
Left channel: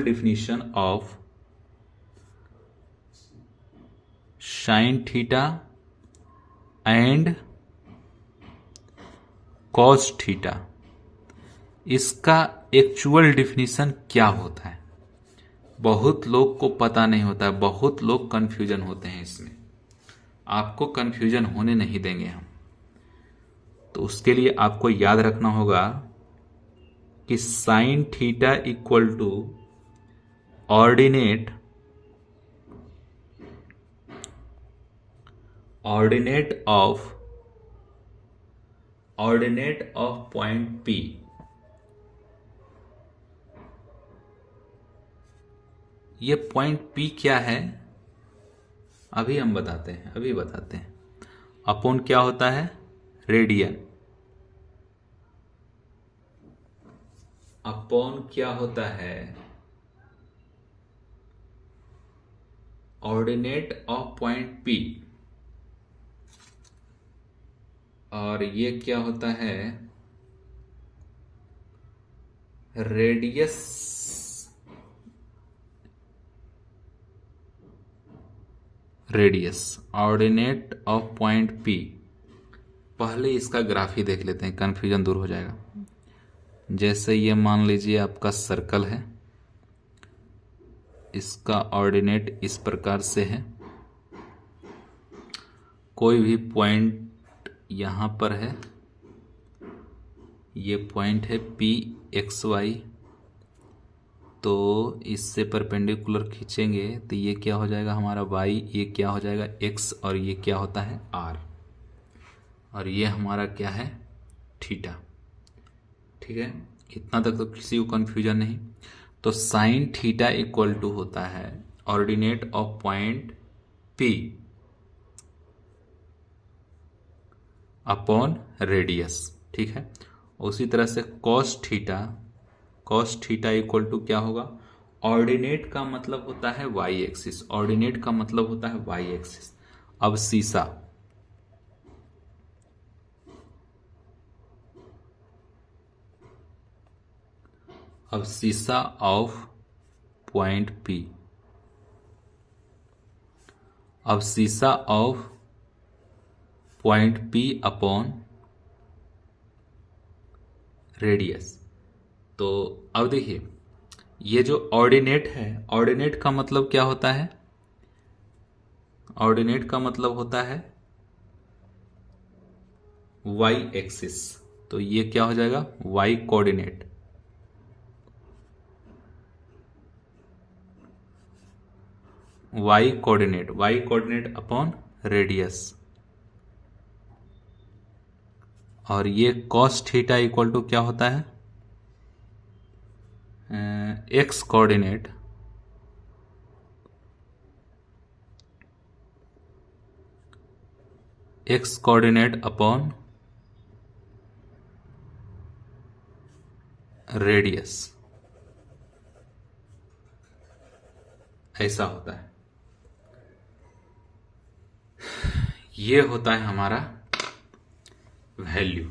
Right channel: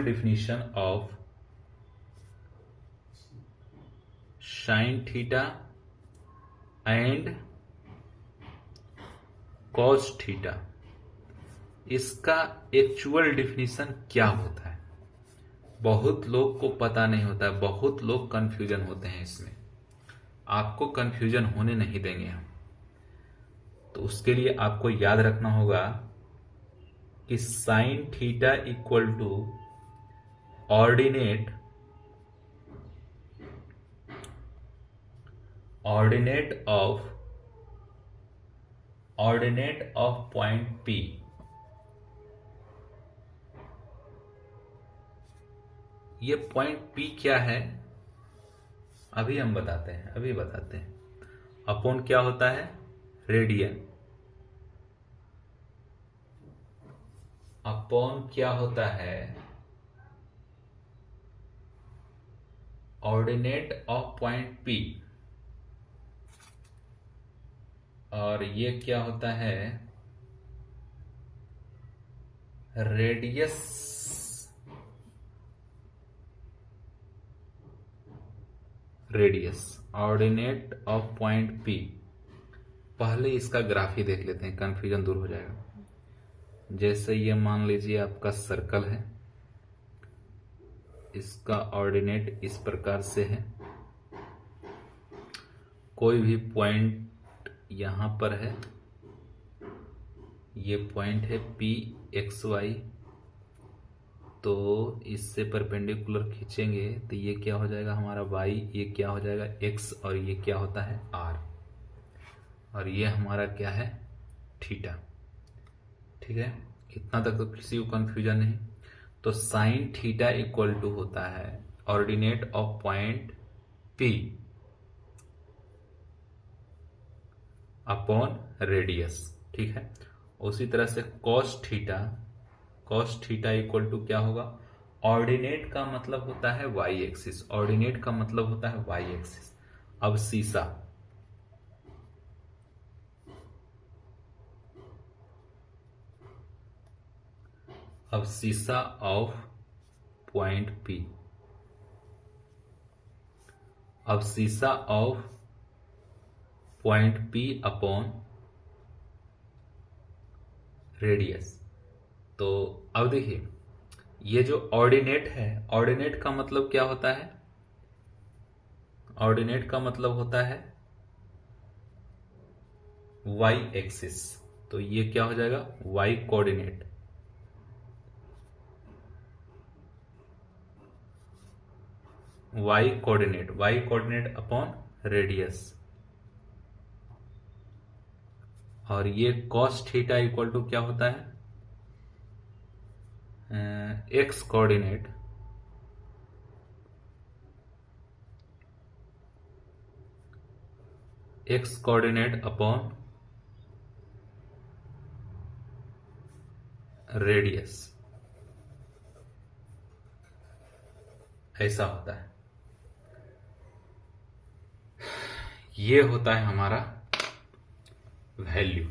definition of sine theta and cos theta. इसका एक्चुअल डिफिनीशन क्या होता है, बहुत लोग को पता नहीं होता है, बहुत लोग कंफ्यूजन होते हैं इसमें। आपको कंफ्यूजन होने नहीं देंगे हम। तो उसके लिए आपको याद रखना होगा कि sine theta equal to ordinate of point P। ये पॉइंट P क्या है, अभी हम बताते हैं। अपॉन क्या होता है, रेडियन। अपॉन क्या होता है, ऑर्डिनेट ऑफ पॉइंट P। और ये क्या होता है, radius ordinate of point P। पहले इसका ग्राफ ही देख लेते हैं, कंफ्यूजन दूर हो जाएगा। जैसे ये मान लीजिए आपका सर्कल है, इसका ऑर्डिनेट इस प्रकार से है, कोई भी पॉइंट यहां पर है, ये पॉइंट है PXY, तो इससे परपेंडिकुलर खींचेंगे तो ये क्या हो जाएगा हमारा y, ये क्या हो जाएगा x, और ये क्या होता है r, और ये हमारा क्या है थीटा। ठीक है, इतना तक तो किसी को कंफ्यूजन नहीं। तो साइन थीटा इक्वल टू होता है ordinate of point P upon radius. ठीक है, उसी तरह से कॉस थीटा इक्वल टू क्या होगा, ऑर्डिनेट का मतलब होता है y एक्सिस, ऑर्डिनेट का मतलब होता है y एक्सिस। अब सीसा ऑफ पॉइंट P, अब सीसा of point P upon radius. तो अब देखिए, ये जो ऑर्डिनेट है, ऑर्डिनेट का मतलब क्या होता है, ऑर्डिनेट का मतलब होता है y एक्सिस। तो ये क्या हो जाएगा, y coordinate, y coordinate upon radius. और ये कॉस थीटा इक्वल टू क्या होता है, x कोऑर्डिनेट अपॉन रेडियस, ऐसा होता है। ये होता है हमारा वैल्यू।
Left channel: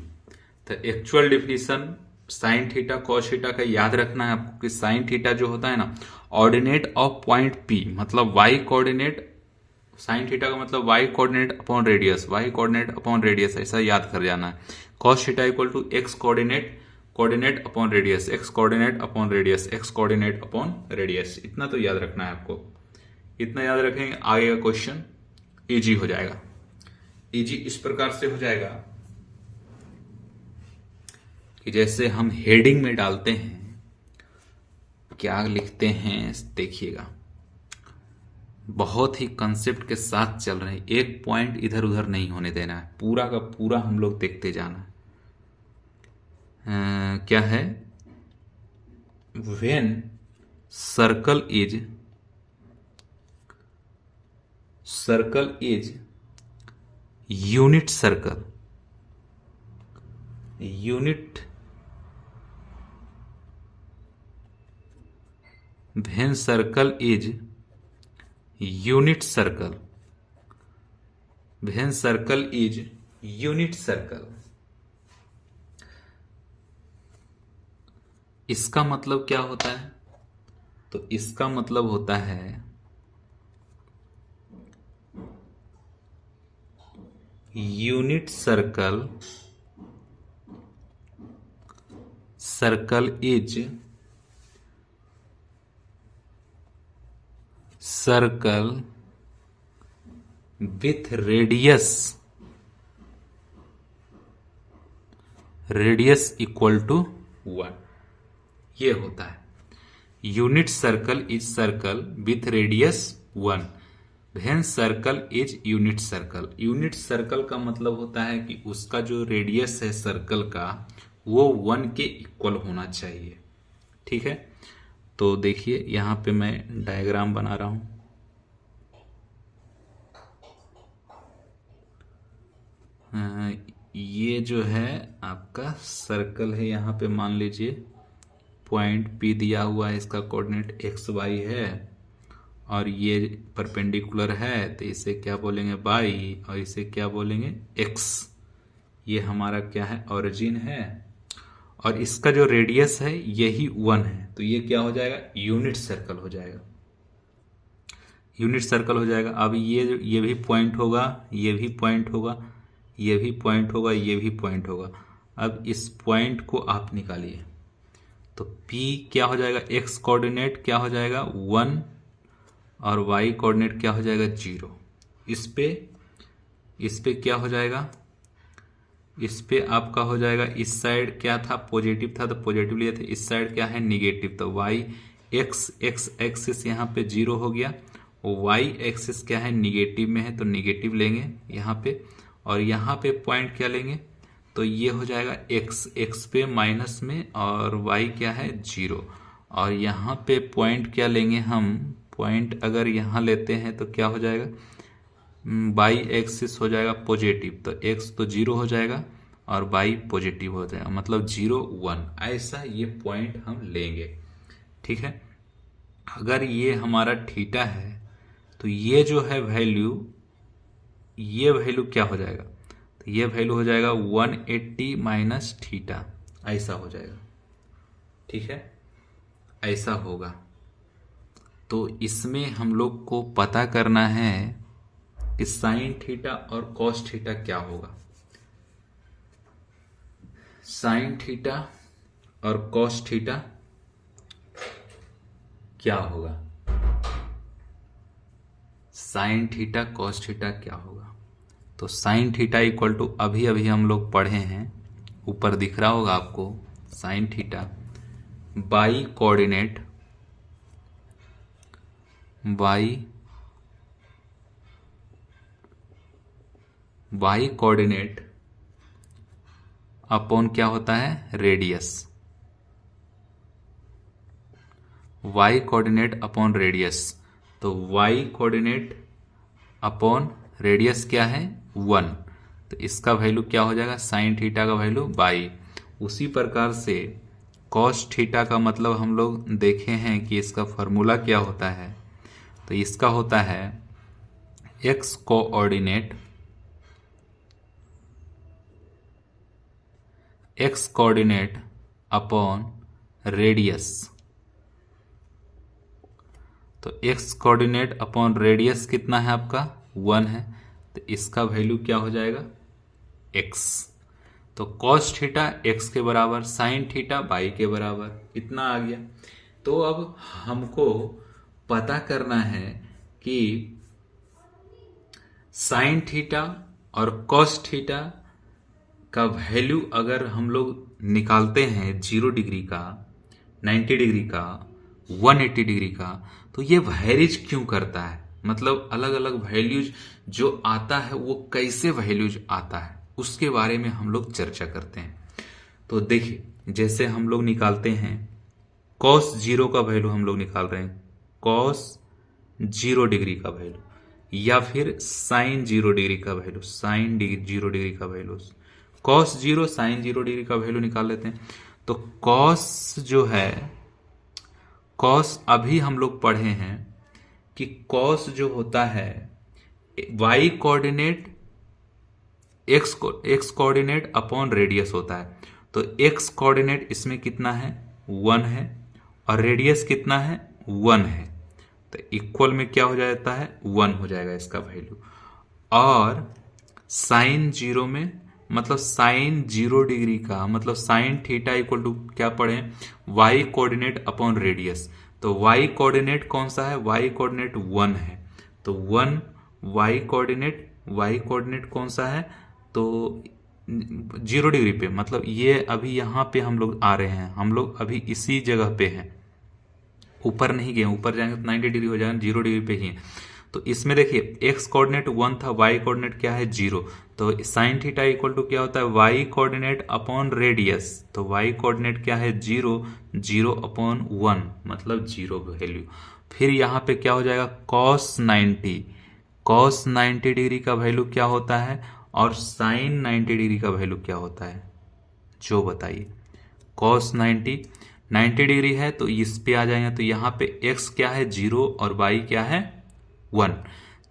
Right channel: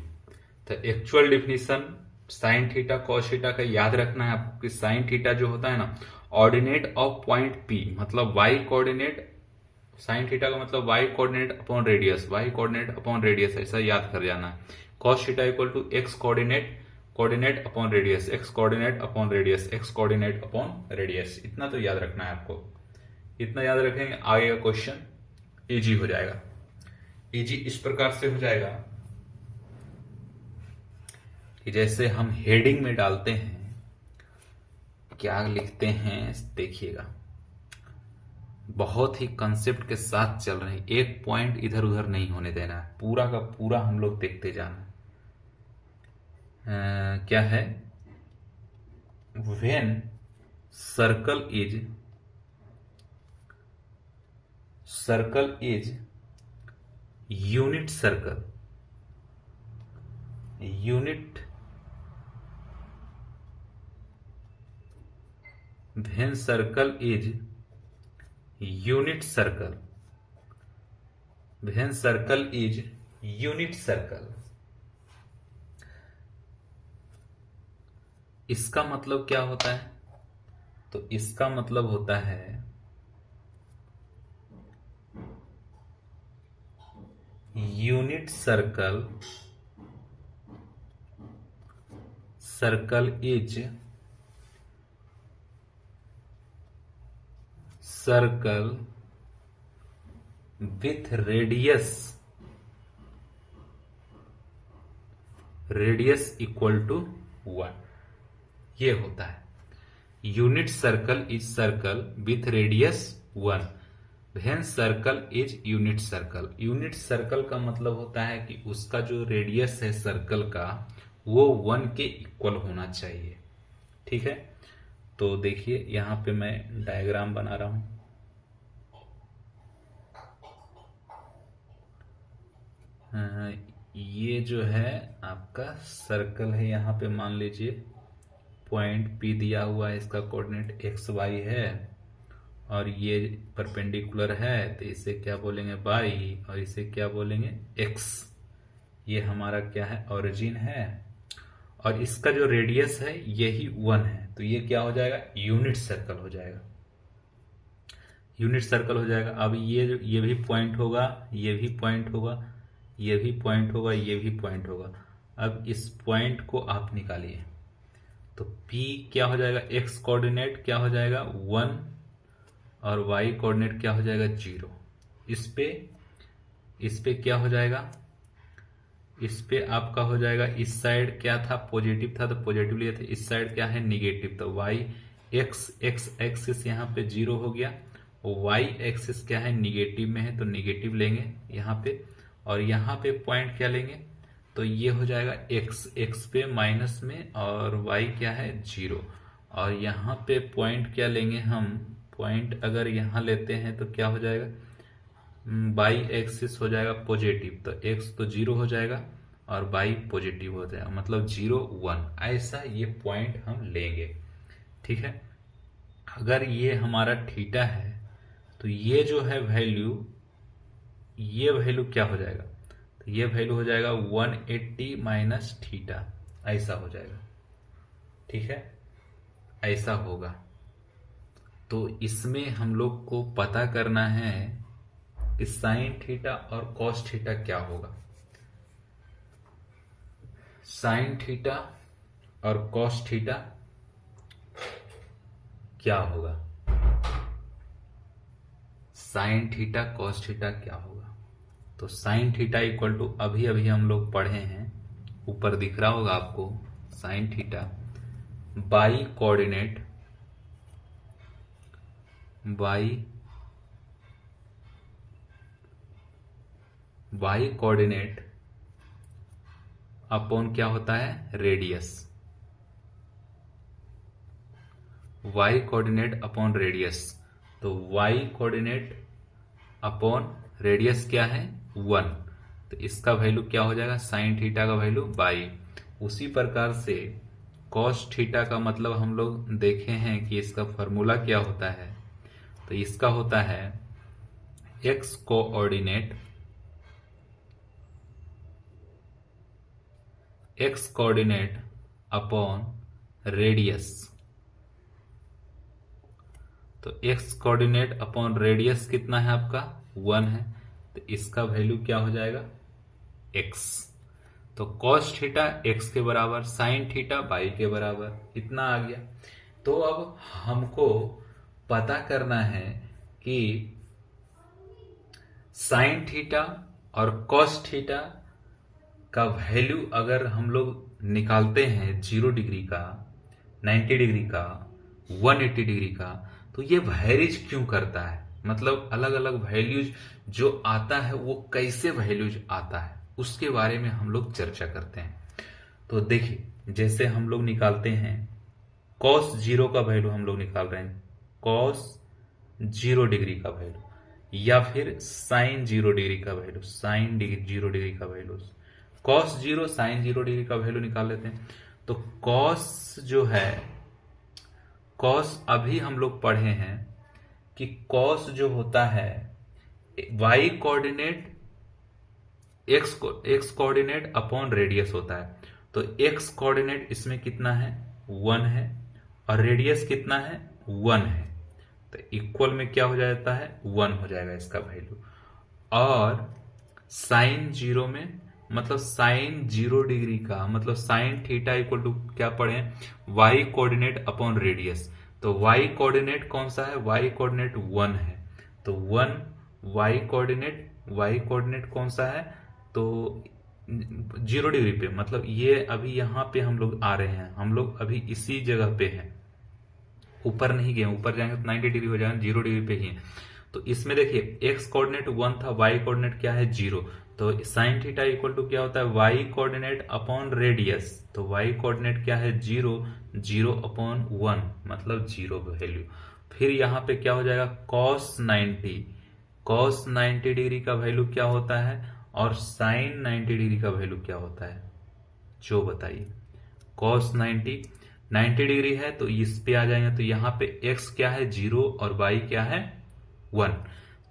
तो actual definition sine theta cos theta का याद रखना है आपको कि साइन थीटा जो होता है ना, ऑर्डिनेट ऑफ पॉइंट P, मतलब y कोऑर्डिनेट साइन थीटा का मतलब Y coordinate upon radius, Y coordinate upon radius, ऐसा याद कर जाना है। Cos theta equal to X coordinate upon radius, X coordinate upon radius, X coordinate upon radius, इतना तो याद रखना है आपको। इतना याद रखेंगे, आगे का क्वेश्चन इजी हो जाएगा। इजी इस प्रकार से हो जाएगा कि जैसे हम हेडिंग में डालते हैं, क्या लिखते हैं देखिएगा, बहुत ही कंसेप्ट के साथ चल रहे हैं, एक पॉइंट इधर उधर नहीं होने देना है, पूरा का पूरा हम लोग देखते जाना है। क्या है, when circle is unit circle, when circle is unit circle, when circle is unit circle, इसका मतलब क्या होता है? तो इसका मतलब होता है unit circle is circle with radius equal to 1, ये होता है unit circle is circle with radius 1, when circle is unit circle. Unit circle का मतलब होता है कि उसका जो रेडियस है सर्कल का वो 1 के इक्वल होना चाहिए। ठीक है, तो देखिए यहां पे मैं डायग्राम बना रहा हूं। ये जो है आपका सर्कल है, यहां पे मान लीजिए पॉइंट P दिया हुआ है, इसका कोऑर्डिनेट एक्स वाई है और ये परपेंडिकुलर है, तो इसे क्या बोलेंगे वाई और इसे क्या बोलेंगे एक्स। ये हमारा क्या है, ओरिजिन है, और इसका जो रेडियस है यही 1 है, तो ये क्या हो जाएगा, यूनिट सर्कल हो जाएगा, यूनिट सर्कल हो जाएगा। अब ये भी पॉइंट होगा, ये भी पॉइंट होगा, ये भी पॉइंट होगा, ये भी पॉइंट होगा। अब इस पॉइंट को आप निकालिए, तो P क्या हो जाएगा, x कोऑर्डिनेट क्या हो जाएगा 1 और y कोऑर्डिनेट क्या हो जाएगा 0। इस पे क्या हो जाएगा, इस पे आपका हो जाएगा, इस साइड क्या था पॉजिटिव था तो पॉजिटिव लिए थे, इस साइड क्या है निगेटिव, तो y x एक्सिस यहाँ पे 0 हो गया, y एक्सिस क्या है निगेटिव में है तो निगेटिव लेंगे यहाँ पे, और यहाँ पे पॉइंट क्या लेंगे, तो ये हो जाएगा x पे माइनस में और y क्या है 0, और यहाँ पे पॉइंट क्या लेंगे हम, पॉइंट अगर यहाँ लेते हैं तो क्या हो जाएगा, y एक्सिस हो जाएगा पॉजिटिव, तो x तो 0 हो जाएगा और y पॉजिटिव हो जाएगा, मतलब 0 1, ऐसा ये पॉइंट हम लेंगे। ठीक है, अगर ये हमारा थीटा है तो ये जो है वैल्यू, ये वैल्यू क्या हो जाएगा, तो ये वैल्यू हो जाएगा 180 माइनस थीटा, ऐसा हो जाएगा। ठीक है, ऐसा होगा। तो इसमें हम लोग को पता करना है कि साइन थीटा और कॉस थीटा क्या होगा। साइन थीटा और कॉस थीटा क्या होगा, साइन थीटा कॉस थीटा क्या होगा। तो साइन थीटा इक्वल टू अभी हम लोग पढ़े हैं, ऊपर दिख रहा होगा आपको, sine theta by coordinate upon क्या होता है radius, y coordinate upon radius, तो y कोऑर्डिनेट अपॉन रेडियस क्या है 1, तो इसका वैल्यू क्या हो जाएगा, साइन थीटा का वैल्यू बाई। उसी प्रकार से कॉस थीटा का मतलब हम लोग देखे हैं कि इसका फॉर्मूला क्या होता है, तो इसका होता है x कोऑर्डिनेट अपॉन रेडियस, तो x कोऑर्डिनेट अपॉन रेडियस कितना है आपका 1 है, तो इसका वैल्यू क्या हो जाएगा x। तो cos थीटा x के बराबर, साइन थीटा y के बराबर, इतना आ गया। तो अब हमको पता करना है कि साइन थीटा और cos थीटा का वैल्यू अगर हम लोग निकालते हैं 0 डिग्री का, 90 डिग्री का, 180 डिग्री का, तो ये वैरीज क्यों करता है, मतलब अलग अलग वैल्यूज जो आता है वो कैसे वैल्यूज आता है, उसके बारे में हम लोग चर्चा करते हैं। तो देखिए, जैसे हम लोग निकालते हैं cos 0 का वैल्यू, हम लोग निकाल रहे हैं cos 0 डिग्री का वैल्यू, या फिर साइन 0 डिग्री का वैल्यू, साइन 0 डिग्री का वैल्यू, cos 0 साइन 0 डिग्री का वैल्यू निकाल लेते हैं। तो cos जो है, cos अभी हम लोग पढ़े हैं कि cos जो होता है y coordinate x coordinate upon radius होता है। तो x कोऑर्डिनेट इसमें कितना है 1 है, और रेडियस कितना है 1 है, तो इक्वल में क्या हो जाता है 1 हो जाएगा इसका वैल्यू। और साइन 0 में, मतलब साइन 0 डिग्री का मतलब साइन थीटा इक्वल टू क्या पढ़े, y कोऑर्डिनेट अपॉन रेडियस। तो y कोऑर्डिनेट कौन सा है, y कोऑर्डिनेट 1 है, तो 1 y कोऑर्डिनेट कौन सा है, तो 0 डिग्री पे, मतलब ये अभी यहाँ पे हम लोग आ रहे हैं, हम लोग अभी इसी जगह पे हैं, ऊपर नहीं गए, ऊपर जाएंगे तो 90 डिग्री हो जाएगा, 0 डिग्री पे ही। तो इसमें देखिए x कोऑर्डिनेट 1 था, y कोऑर्डिनेट क्या है 0, तो साइन थीटा इक्वल टू क्या होता है y कोऑर्डिनेट अपॉन रेडियस, तो y कोऑर्डिनेट क्या है 0, 0 अपॉन 1 मतलब 0 वैल्यू। फिर यहाँ पे क्या हो जाएगा cos 90 डिग्री का वैल्यू क्या होता है, और साइन 90 डिग्री का वैल्यू क्या होता है, जो बताइए। cos 90 डिग्री है तो इस पे आ जाएंगे, तो यहाँ पे x क्या है 0 और y क्या है 1,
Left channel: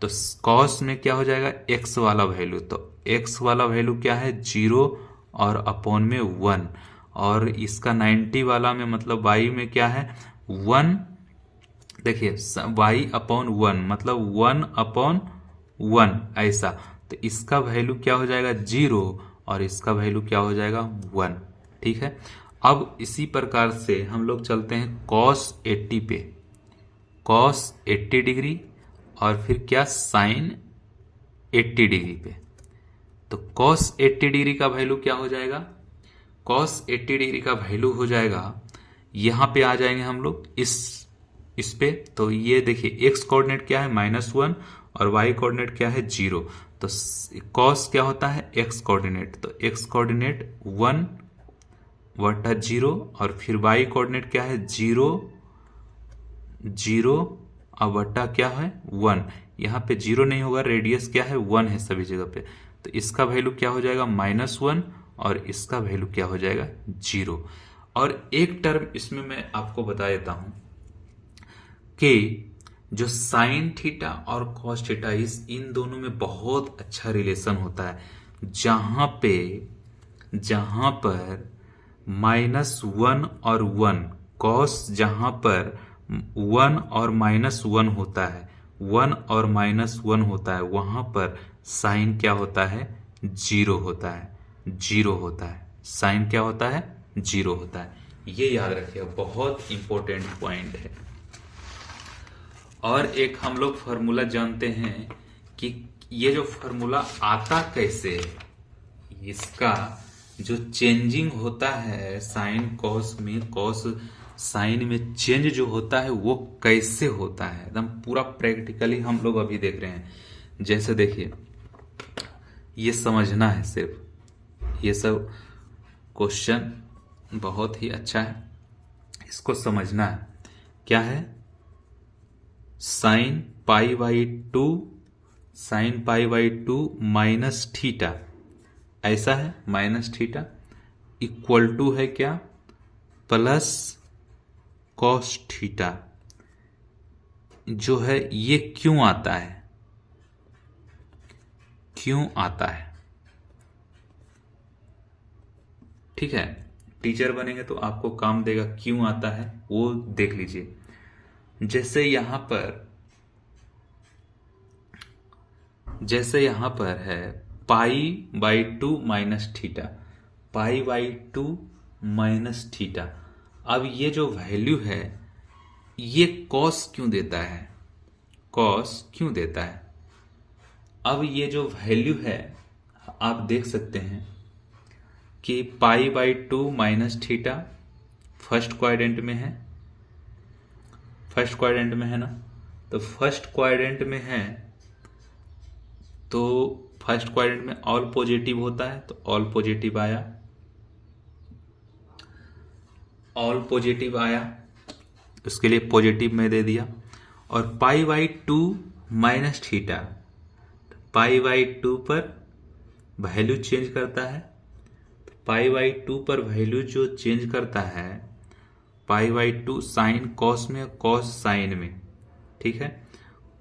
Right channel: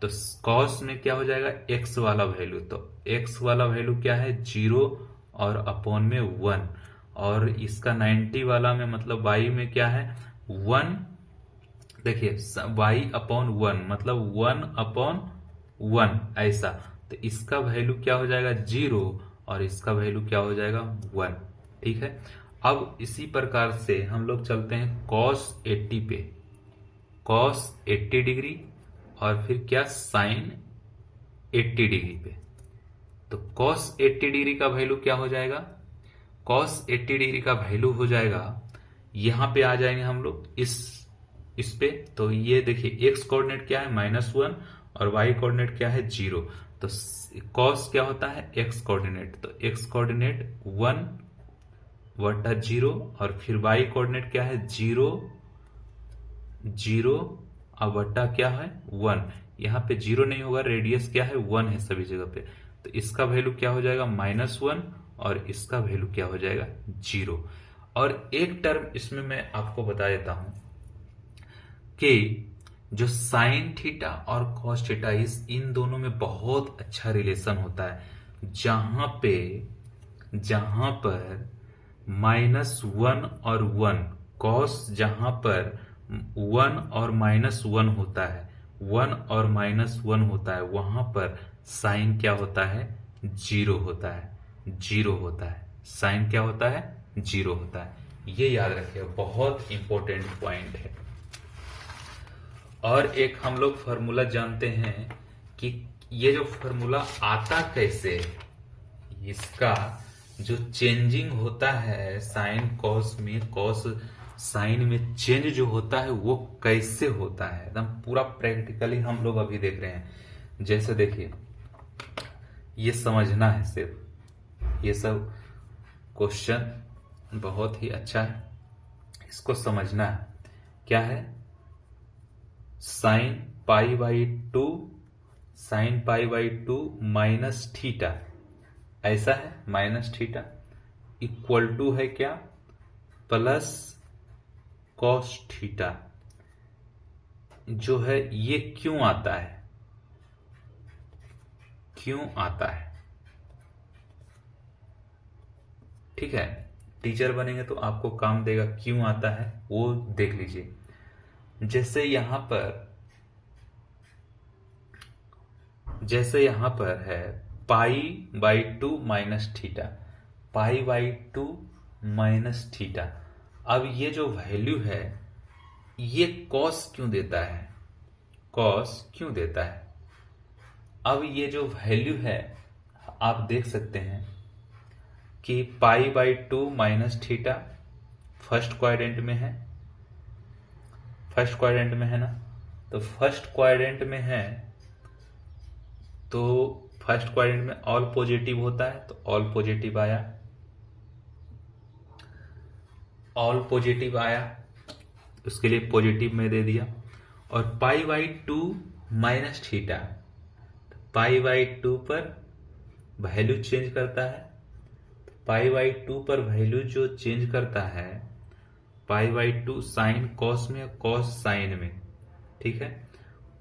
तो cos में क्या हो जाएगा x वाला वैल्यू, तो x वाला वैल्यू क्या है 0 और अपॉन में 1, और इसका 90 वाला में मतलब y में क्या है 1, देखिए y अपॉन 1 मतलब 1 अपॉन 1 ऐसा, तो इसका वैल्यू क्या हो जाएगा 0 और इसका वैल्यू क्या हो जाएगा 1। ठीक है, अब इसी प्रकार से हम लोग चलते हैं cos 80 पे, cos 80 डिग्री और फिर क्या साइन 80 डिग्री पे। तो cos 80 डिग्री का वैल्यू क्या हो जाएगा, cos 80 डिग्री का वैल्यू हो जाएगा, यहां पे आ जाएंगे हम लोग इस पे, तो ये देखिए x कोऑर्डिनेट क्या है -1 और y कोऑर्डिनेट क्या है 0, तो cos क्या होता है x कोऑर्डिनेट, तो x कोऑर्डिनेट 1 बटा 0 और फिर y कोऑर्डिनेट क्या है 0 और बटा क्या है 1, यहाँ पे 0 नहीं होगा, रेडियस क्या है 1 है सभी जगह पे, तो इसका वैल्यू क्या हो जाएगा -1 और इसका वैल्यू क्या हो जाएगा 0। और एक टर्म इसमें मैं आपको बता देता हूं कि जो साइन थीटा और कॉस थीटा, इन दोनों में बहुत अच्छा रिलेशन होता है, जहां पर -1 और 1, कॉस जहां पर 1 और -1 होता है, 1 और -1 होता है, वहां पर साइन क्या होता है 0 होता है, 0 होता है, साइन क्या होता है 0 होता है, ये याद रखिएगा, बहुत इंपॉर्टेंट पॉइंट है। और एक हम लोग फॉर्मूला जानते हैं कि ये जो फॉर्मूला आता कैसे है, इसका जो चेंजिंग होता है साइन कॉस में, कॉस साइन में चेंज जो होता है वो कैसे होता है, एकदम पूरा प्रैक्टिकली हम लोग अभी देख रहे हैं। जैसे देखिए, ये समझना है सिर्फ, ये सब क्वेश्चन बहुत ही अच्छा है, इसको समझना है। क्या है sine pi by 2, sine pi by 2 minus theta, ऐसा है माइनस थीटा इक्वल टू है क्या प्लस कॉस थीटा, जो है ये क्यों आता है, क्यों आता है। ठीक है, टीचर बनेंगे तो आपको काम देगा, क्यों आता है वो देख लीजिए। जैसे यहां पर जैसे यहां पर है π/2 माइनस थीटा, π/2 माइनस थीटा। अब ये जो वैल्यू है ये कॉस क्यों देता है, कॉस क्यों देता है? अब ये जो वैल्यू है आप देख सकते हैं कि π/2 माइनस थीटा फर्स्ट क्वाड्रेंट में है, फर्स्ट क्वाड्रेंट में है ना, तो फर्स्ट क्वाड्रेंट में है तो फर्स्ट क्वाड्रेंट में ऑल पॉजिटिव होता है, तो ऑल पॉजिटिव आया, ऑल पॉजिटिव आया, उसके लिए पॉजिटिव में दे दिया। और π/2 माइनस थीटा, π/2 पर वैल्यू चेंज करता है, π/2 पर वैल्यू जो चेंज करता है π/2 साइन कॉस में, कॉस साइन में, ठीक है,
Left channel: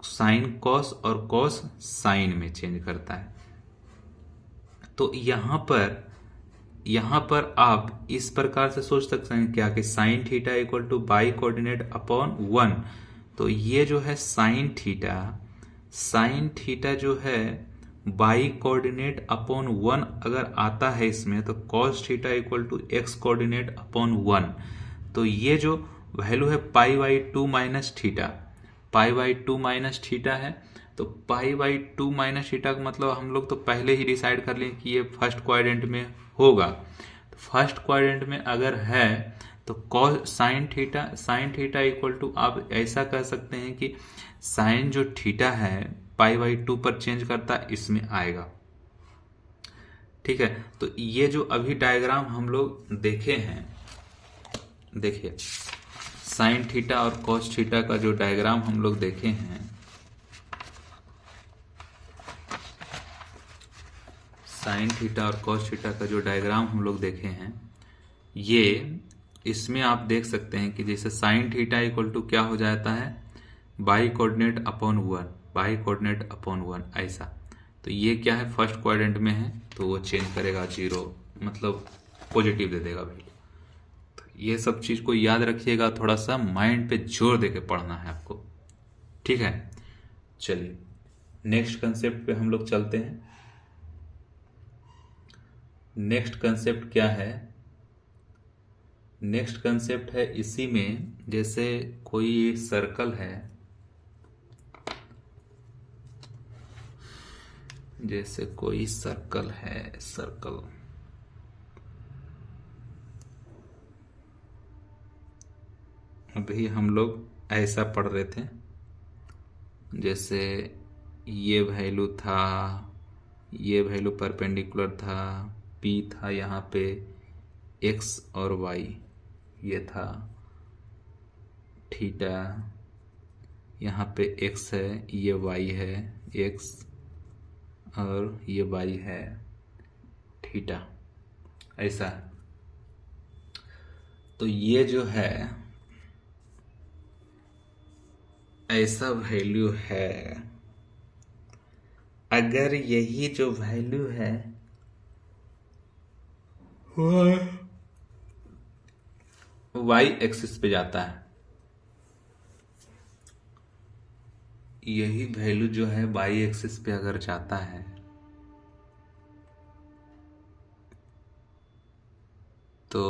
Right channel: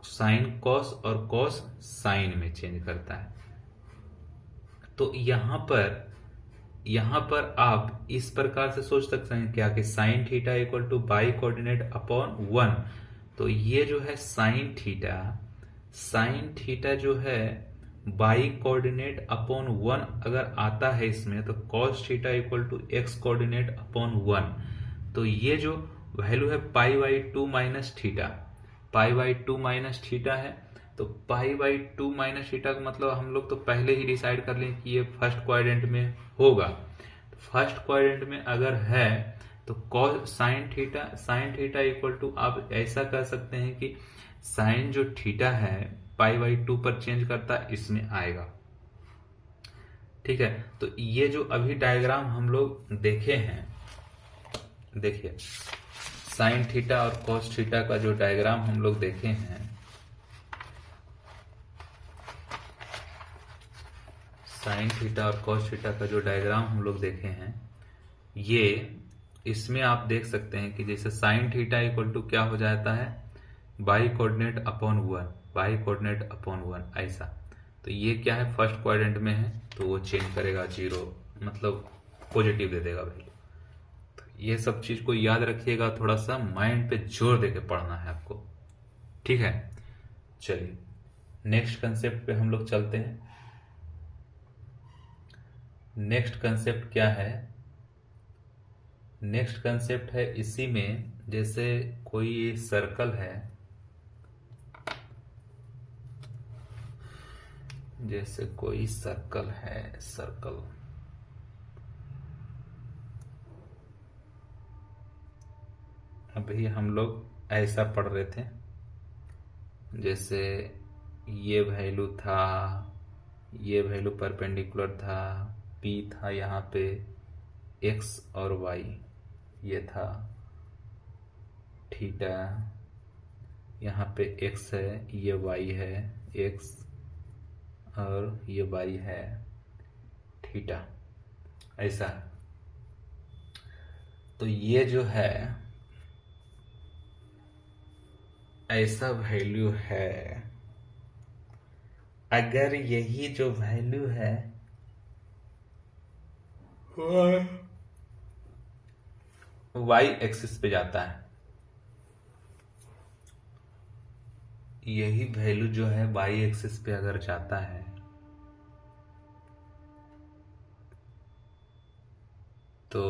साइन कॉस और कॉस साइन में चेंज करता है। तो यहां पर आप इस प्रकार से सोच सकते हैं क्या कि sine theta equal two by coordinate upon 1। तो ये जो है साइन थीटा जो है बाई कोऑर्डिनेट अपॉन 1 अगर आता है इसमें, तो cos theta equal to X coordinate upon 1। तो ये जो वैल्यू है π/2 माइनस थीटा, π/2 माइनस थीटा है, तो π/2 माइनस थीटा का मतलब हम लोग तो पहले ही डिसाइड कर लें कि ये फर्स्ट क्वाड्रेंट में होगा। तो फर्स्ट क्वाड्रेंट में अगर है तो cos sine theta equal to, आप ऐसा कह सकते हैं कि साइन जो थीटा है π/2 पर चेंज करता है, इसमें आएगा, ठीक है। तो ये जो अभी डायग्राम हम लोग देखे हैं, देखिए साइन थीटा और कॉस थीटा का जो डायग्राम हम लोग देखे हैं, साइन थीटा और कॉस थीटा का जो डायग्राम हम लोग देखे हैं, ये इसमें आप देख सकते हैं कि जैसे साइन थीटा इक्वल टू क्या हो जाता है, by coordinate upon 1, by coordinate upon 1 ऐसा। तो ये क्या है, फर्स्ट क्वाड्रेंट में है तो वो चेंज करेगा 0, मतलब पॉजिटिव दे देगा वैल्यू। तो ये सब चीज को याद रखिएगा, थोड़ा सा माइंड पे जोर देके पढ़ना है आपको, ठीक है। चलिए नेक्स्ट कंसेप्ट पे हम लोग चलते हैं। नेक्स्ट कंसेप्ट क्या है, नेक्स्ट कंसेप्ट है इसी में, जैसे कोई सर्कल है, जैसे कोई सर्कल है, सर्कल अभी हम लोग ऐसा पढ़ रहे थे, जैसे ये वैल्यू था, ये वैल्यू परपेंडिकुलर था, P था यहाँ पे, X और Y ये था, थीटा यहाँ पे X है, ये Y है, X और ये Y है, थीटा ऐसा। तो ये जो है ऐसा वैल्यू है, अगर यही जो वैल्यू है वाई एक्सिस पे जाता है, यही वैल्यू जो है वाई एक्सिस पे अगर जाता है, तो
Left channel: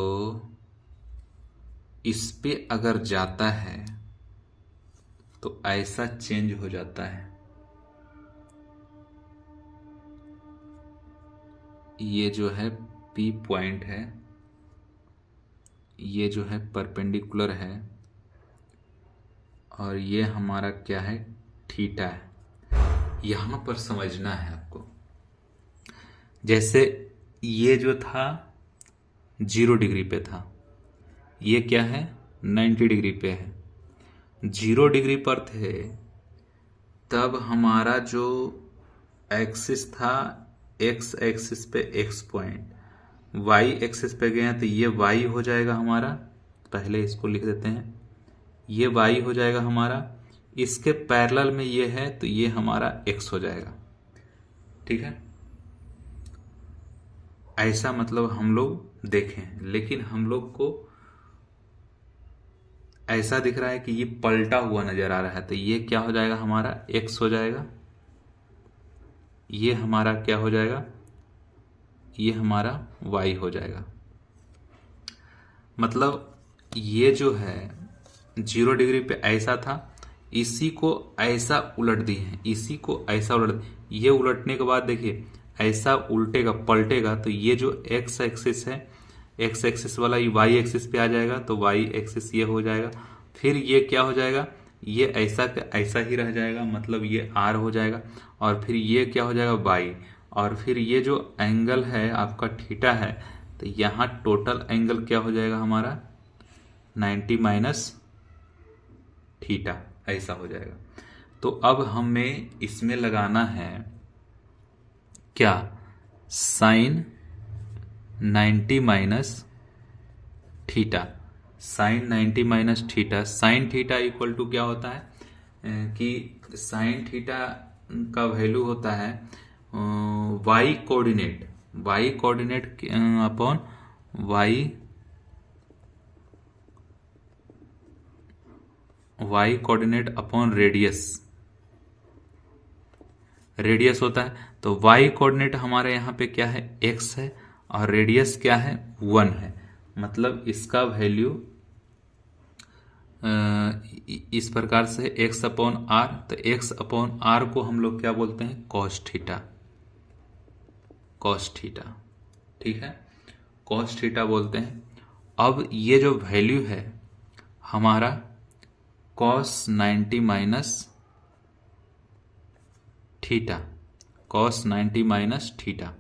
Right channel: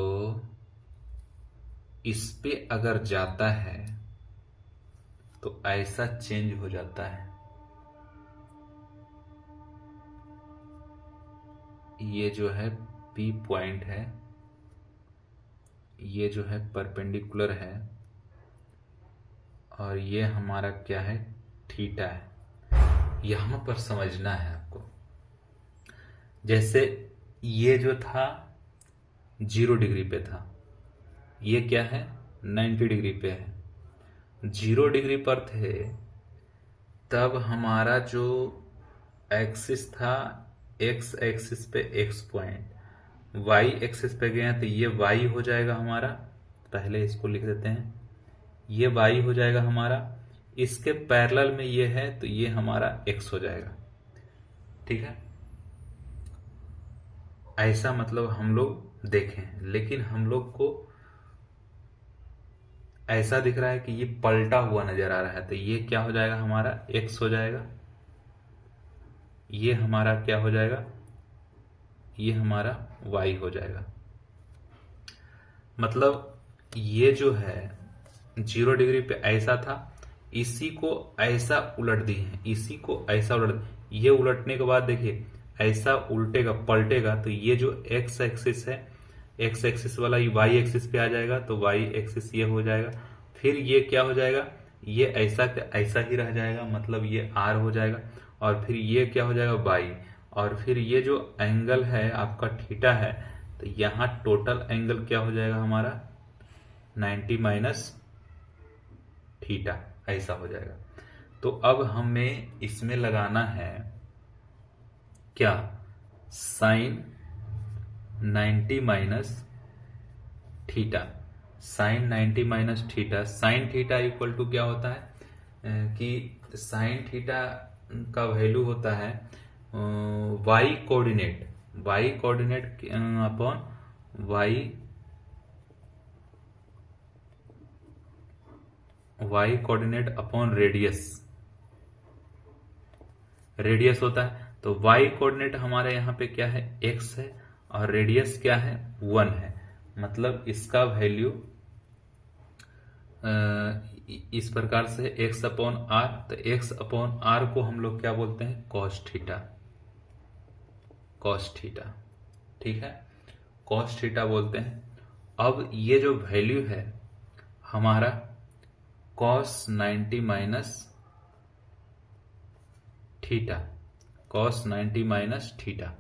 इस पे अगर जाता है तो ऐसा चेंज हो जाता है। ये जो है P पॉइंट है, ये जो है परपेंडिकुलर है, और ये हमारा क्या है, थीटा है। यहां पर समझना है आपको, जैसे ये जो था 0 डिग्री पे था, ये क्या है 90 डिग्री पे है। 0 डिग्री पर थे तब हमारा जो एक्सिस था, एक्स एक्सिस पे एक्स पॉइंट, वाई एक्सिस पे गए तो ये वाई हो जाएगा हमारा, पहले इसको लिख देते हैं, ये वाई हो जाएगा हमारा, इसके पैरेलल में ये है तो ये हमारा एक्स हो जाएगा, ठीक है। ऐसा मतलब हम लोग देखें, लेकिन हम लोग को ऐसा दिख रहा है कि ये पलटा हुआ नजर आ रहा है, तो ये क्या हो जाएगा हमारा एक्स हो जाएगा, ये हमारा क्या हो जाएगा, ये हमारा y हो जाएगा। मतलब ये जो है 0 डिग्री पे ऐसा था, इसी को ऐसा उलट दी है, इसी को ऐसा उलट, ये उलटने के बाद देखिए ऐसा उल्टेगा पलटेगा, तो ये जो x एक्सिस है, x एक्सिस वाला ये y एक्सिस पे आ जाएगा, तो y एक्सिस ये हो जाएगा। फिर ये क्या हो जाएगा, ये ऐसा का ऐसा ही रह जाएगा, मतलब ये r हो जाएगा। और फिर ये क्या हो जाएगा y, और फिर ये जो एंगल है आपका थीटा है, तो यहाँ टोटल एंगल क्या हो जाएगा हमारा 90 माइनस थीटा, ऐसा हो जाएगा। तो अब हमें इसमें लगाना है क्या, sine 90 minus theta. Sine 90 minus theta, sine theta equal to क्या होता है कि साइन थीटा का वैल्यू होता है Y coordinate, Y coordinate upon Y coordinate upon radius, radius होता है। तो वाई कोऑर्डिनेट हमारे यहाँ पे क्या है, x है, और रेडियस क्या है 1 है। मतलब इसका वैल्यू इस प्रकार से x अपॉन आर, तो x अपॉन आर को हम लोग क्या बोलते हैं, कॉस थीटा, कॉस थीटा, ठीक है, कॉस थीटा बोलते हैं। अब ये जो वैल्यू है हमारा cos 90 minus theta, cos 90 minus theta,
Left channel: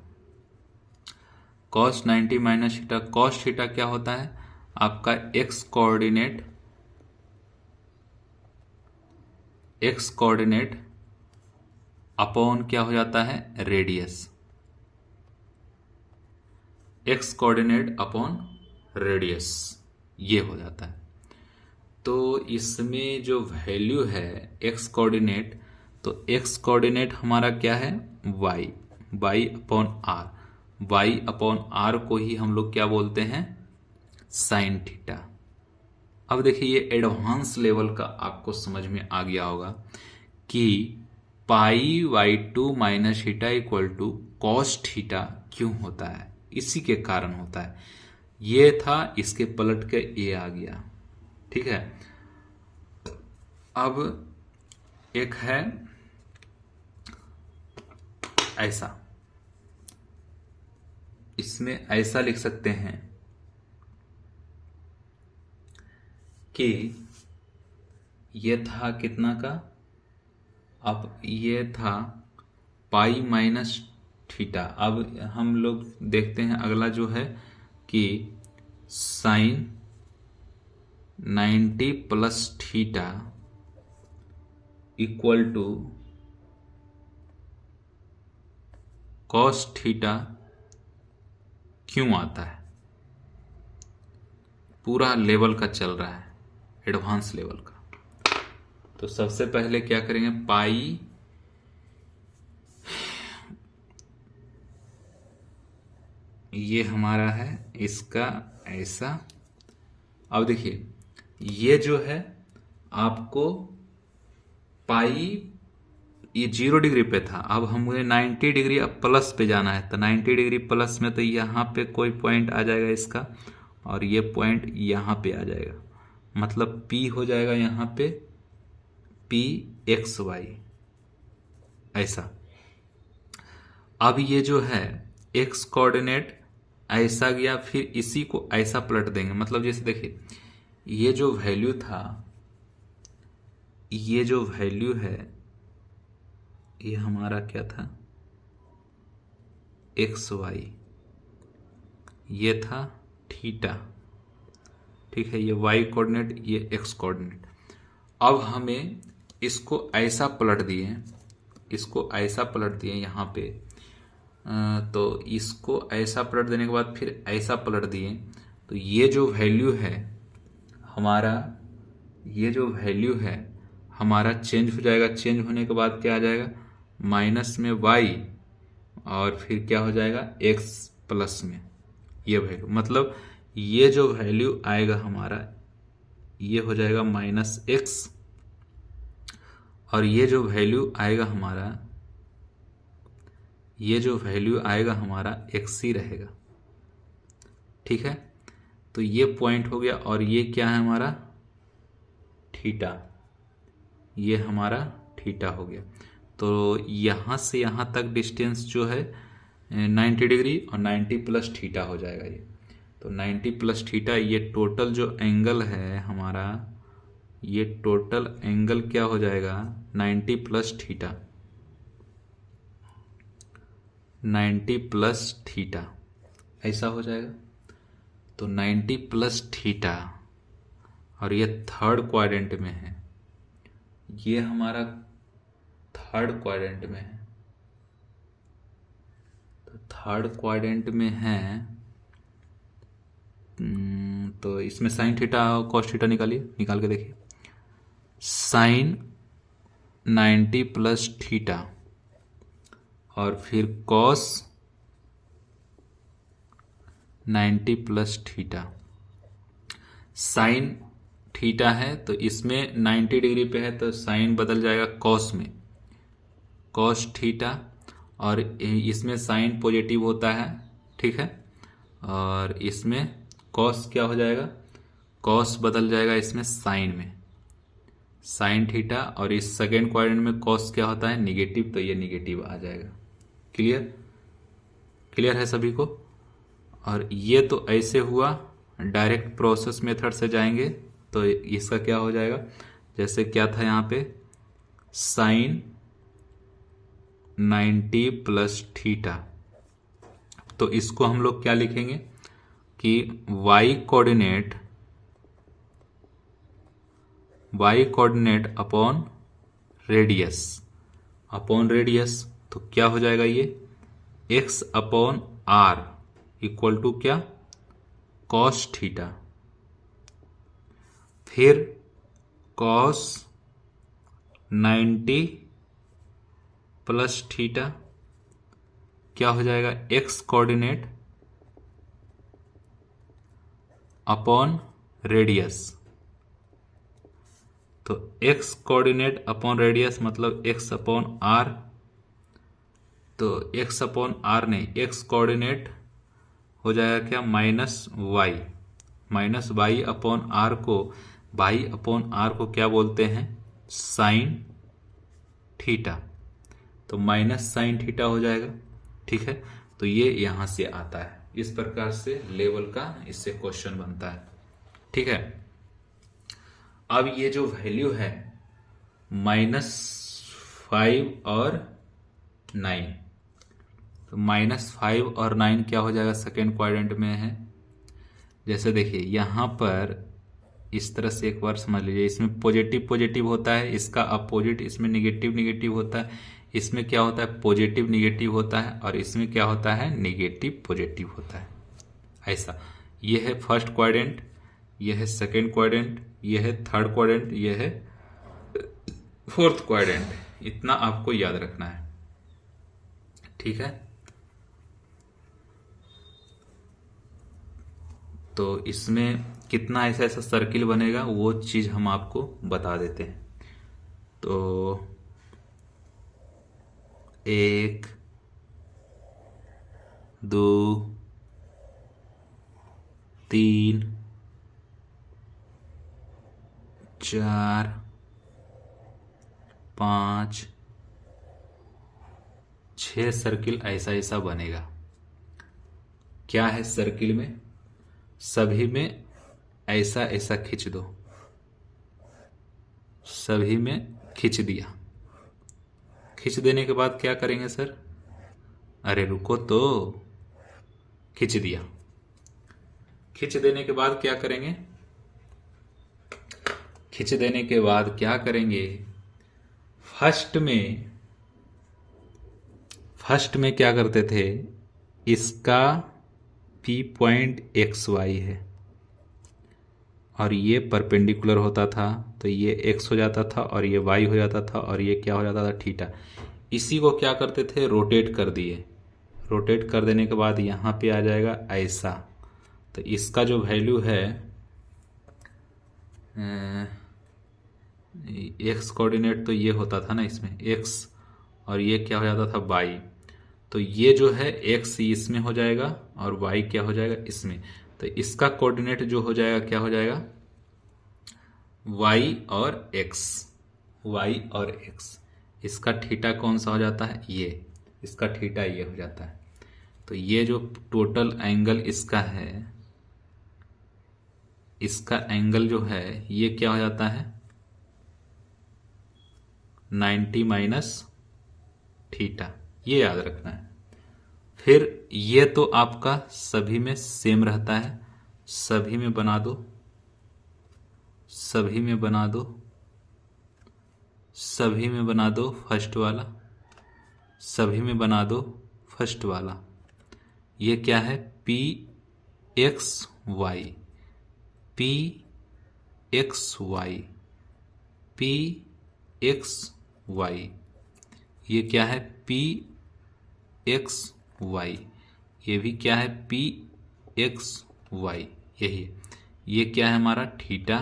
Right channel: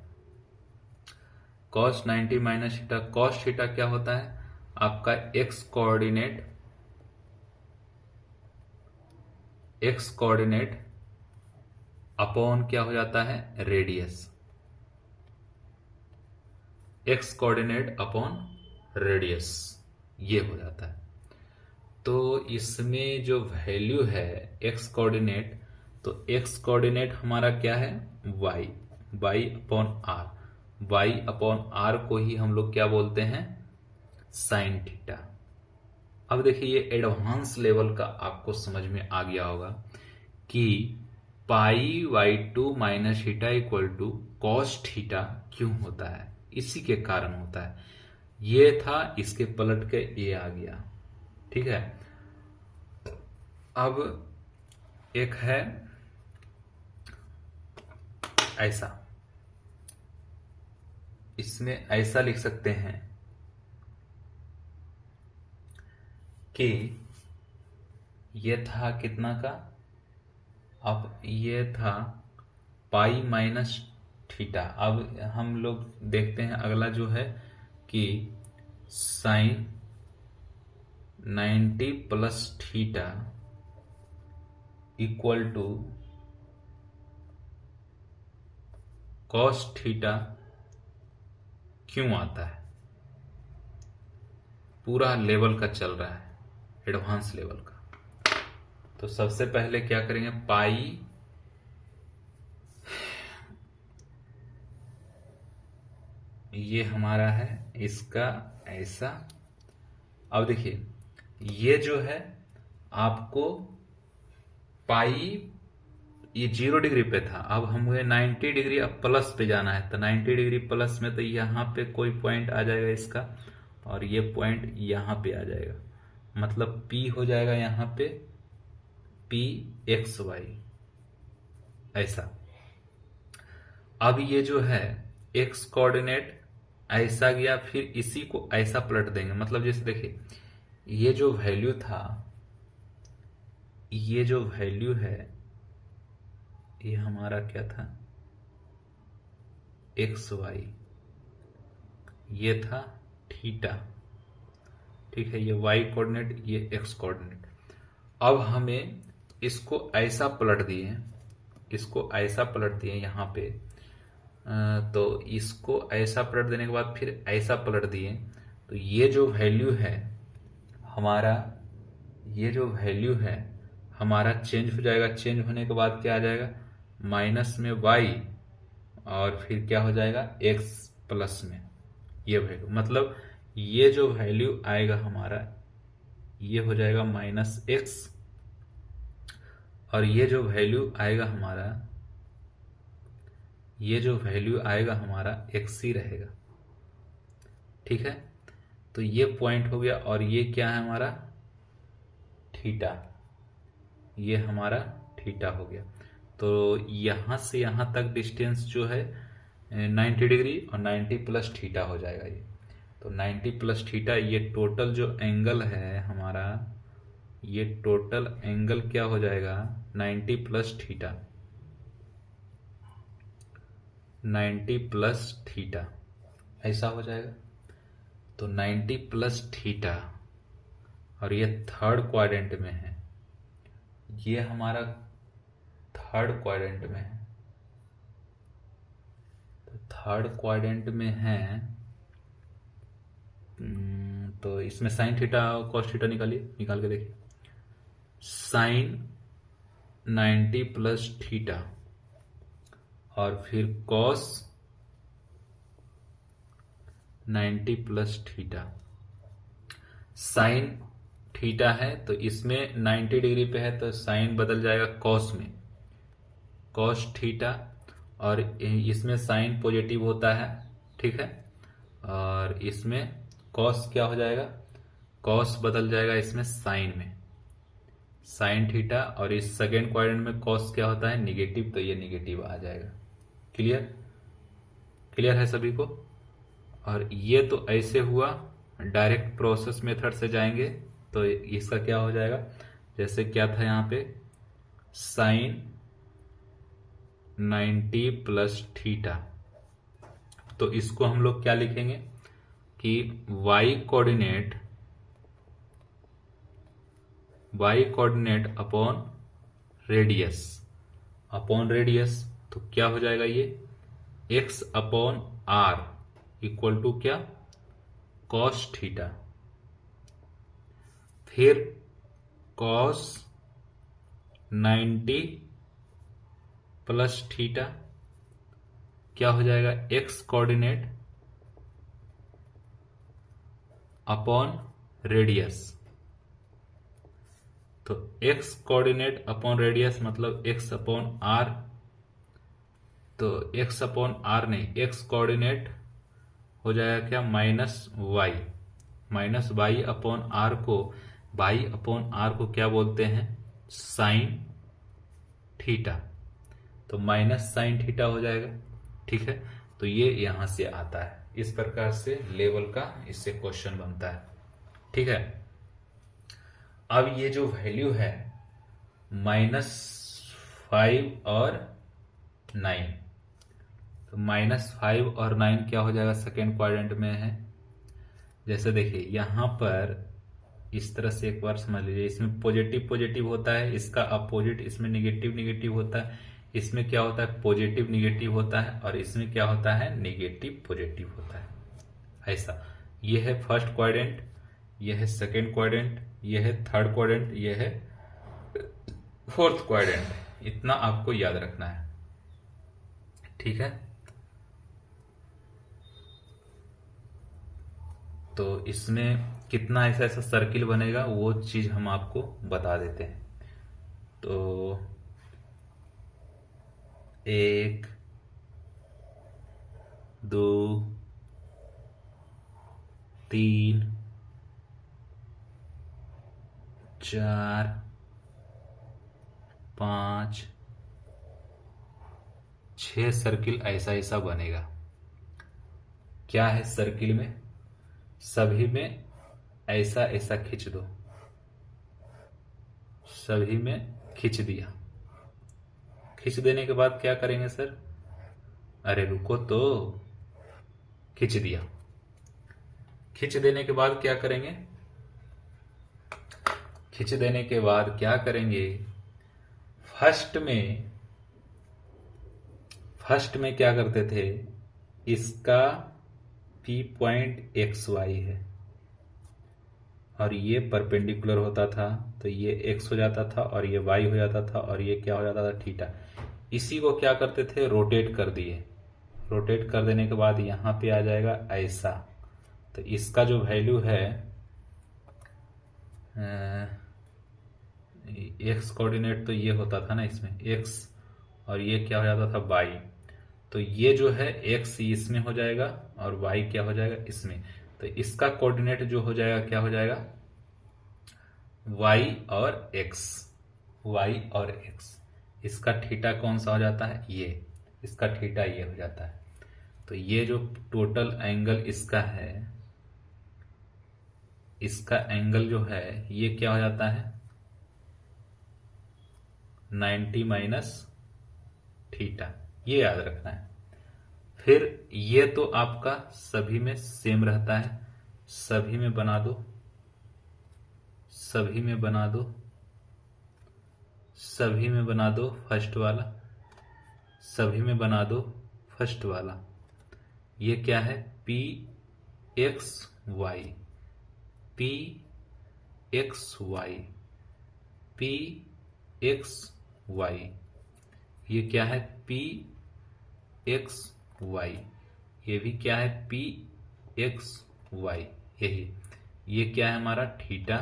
cos 90 minus theta, cos theta क्या होता है आपका X coordinate, X coordinate upon क्या हो जाता है radius, X coordinate upon radius, ये हो जाता है। तो इसमें जो वैल्यू है एक्स कोऑर्डिनेट, तो एक्स कोऑर्डिनेट हमारा क्या है y, y upon R, y upon R को ही हम लोग क्या बोलते हैं साइन थीटा। अब देखिए ये एडवांस लेवल का आपको समझ में आ गया होगा कि pi by 2 minus theta equal to cos theta क्यों होता है, इसी के कारण होता है। ये था, इसके पलट के ये आ गया, ठीक है। अब एक है ऐसा, इसमें ऐसा लिख सकते हैं कि ये था कितना का, अब ये था पाई माइनस थीटा। अब हम लोग देखते हैं अगला जो है कि sine 90 plus theta equal to cos theta क्यों आता है। पूरा लेवल का चल रहा है, एडवांस लेवल का। तो सबसे पहले क्या करेंगे, पाई ये हमारा है, इसका ऐसा। अब देखिए ये जो है आपको पाई ये 0 डिग्री पे था, अब हमें 90 डिग्री अब प्लस पे जाना है, तो 90 डिग्री प्लस में तो यहाँ पे कोई पॉइंट आ जाएगा इसका, और ये पॉइंट यहाँ पे आ जाएगा, मतलब P हो जाएगा यहाँ पे P एक्स वाई ऐसा। अब ये जो है एक्स कोऑर्डिनेट ऐसा गया, फिर इसी को ऐसा पलट देंगे। मतलब जैसे देखिए ये जो वैल्यू था, ये जो वैल्यू है ये हमारा क्या था एक्स वाई, ये था थीटा, ठीक है, ये वाई कोऑर्डिनेट, ये एक्स कोऑर्डिनेट। अब हमें इसको ऐसा पलट दिए, इसको ऐसा पलट दिए यहाँ पे, तो इसको ऐसा पलट देने के बाद फिर ऐसा पलट दिए, तो ये जो वैल्यू है हमारा, ये जो वैल्यू है हमारा चेंज हो जाएगा। चेंज होने के बाद क्या आ जाएगा, माइनस में y, और फिर क्या हो जाएगा x प्लस में ये वैल्यू। मतलब ये जो वैल्यू आएगा हमारा ये हो जाएगा माइनस x, और ये जो वैल्यू आएगा हमारा ये जो वैल्यू आएगा हमारा एक्स ही रहेगा। ठीक है, तो ये पॉइंट हो गया और ये क्या है हमारा थीटा, ये हमारा थीटा हो गया। तो यहाँ से यहाँ तक डिस्टेंस जो है 90 डिग्री और 90 प्लस थीटा हो जाएगा ये। तो 90 प्लस थीटा, ये टोटल जो एंगल है हमारा, ये टोटल एंगल क्या हो जाएगा 90 प्लस थीटा, 90 प्लस थीटा ऐसा हो जाएगा। तो 90 प्लस थीटा और ये थर्ड क्वाड्रेंट में है, ये हमारा थर्ड क्वाड्रेंट में है। तो थर्ड क्वाड्रेंट में है तो इसमें साइन थीटा और कॉस थीटा निकालिए, निकाल के देखिए। साइन 90 प्लस थीटा और फिर cos 90 plus theta. Sine theta है तो इसमें 90 डिग्री पे है तो साइन बदल जाएगा कॉस में, कॉस थीटा, और इसमें साइन पॉजिटिव होता है, ठीक है, और इसमें कॉस क्या हो जाएगा, कॉस बदल जाएगा इसमें साइन में, साइन थीटा, और इस सेकेंड क्वाड्रेंट में कॉस क्या होता है निगेटिव, तो ये निगेटिव आ जाएगा। क्लियर, क्लियर है सभी को। और ये तो ऐसे हुआ, डायरेक्ट प्रोसेस मेथड से जाएंगे तो इसका क्या हो जाएगा, जैसे क्या था यहाँ पे साइन 90 प्लस थीटा, तो इसको हम लोग क्या लिखेंगे कि y coordinate upon radius, upon radius, तो क्या हो जाएगा ये x upon r equal to क्या कॉस थीटा, फिर कॉस 90 प्लस थीटा क्या हो जाएगा x कोऑर्डिनेट अपॉन रेडियस। तो x कोऑर्डिनेट अपॉन रेडियस मतलब x अपॉन r, तो x अपॉन r नहीं, x कोऑर्डिनेट हो जाएगा क्या माइनस वाई अपॉन आर को, वाई अपॉन आर को क्या बोलते हैं साइन थीटा, तो माइनस साइन थीटा हो जाएगा। ठीक है, तो ये यहां से आता है, इस प्रकार से लेवल का इससे क्वेश्चन बनता है। ठीक है, अब ये जो वैल्यू है -5 और 9, तो -5 और 9 क्या हो जाएगा सेकेंड क्वाड्रेंट में है। जैसे देखिए यहां पर इस तरह से एक बार समझ लीजिए, इसमें पॉजिटिव पॉजिटिव होता है, इसका अपोजिट इसमें निगेटिव निगेटिव होता है, इसमें क्या होता है पॉजिटिव निगेटिव होता है, और इसमें क्या होता है निगेटिव पॉजिटिव होता है। ऐसा, ये है फर्स्ट क्वाड्रेंट, ये है सेकेंड क्वाड्रेंट, ये है थर्ड क्वाड्रेंट, ये है फोर्थ क्वाड्रेंट। इतना आपको याद रखना है। ठीक है, तो इसमें कितना ऐसा ऐसा सर्किल बनेगा वो चीज हम आपको बता देते हैं। तो 1 2 3 4 5 6 सर्किल ऐसा ऐसा बनेगा। क्या है सर्किल में, सभी में ऐसा ऐसा खींच दो, सभी में खींच दिया। खींच देने के बाद क्या करेंगे सर, अरे रुको तो, खींच दिया। खींच देने के बाद क्या करेंगे, खींच देने के बाद क्या करेंगे, फर्स्ट में क्या करते थे, इसका P पॉइंट XY है और ये परपेंडिकुलर होता था, तो ये x हो जाता था और ये y हो जाता था और ये क्या हो जाता था थीटा। इसी को क्या करते थे रोटेट कर दिए, रोटेट कर देने के बाद यहाँ पे आ जाएगा ऐसा। तो इसका जो वैल्यू है x कोऑर्डिनेट तो ये होता था ना इसमें x, और ये क्या हो जाता था y, तो ये जो है x इसमें हो जाएगा और y क्या हो जाएगा इसमें। तो इसका कोऑर्डिनेट जो हो जाएगा क्या हो जाएगा, y और x। इसका थीटा कौन सा हो जाता है, ये, इसका थीटा ये हो जाता है। तो ये जो टोटल एंगल इसका है, इसका एंगल जो है ये क्या हो जाता है 90 माइनस थीटा, ये याद रखना है। फिर ये तो आपका सभी में सेम रहता है, सभी में बना दो, सभी में बना दो, सभी में बना दो फर्स्ट वाला, सभी में बना दो फर्स्ट वाला। ये क्या है P X Y, P X Y, P X Y. ये क्या है पी एक्स वाई, ये भी क्या है पी एक्स वाई, यही। ये क्या है हमारा थीटा,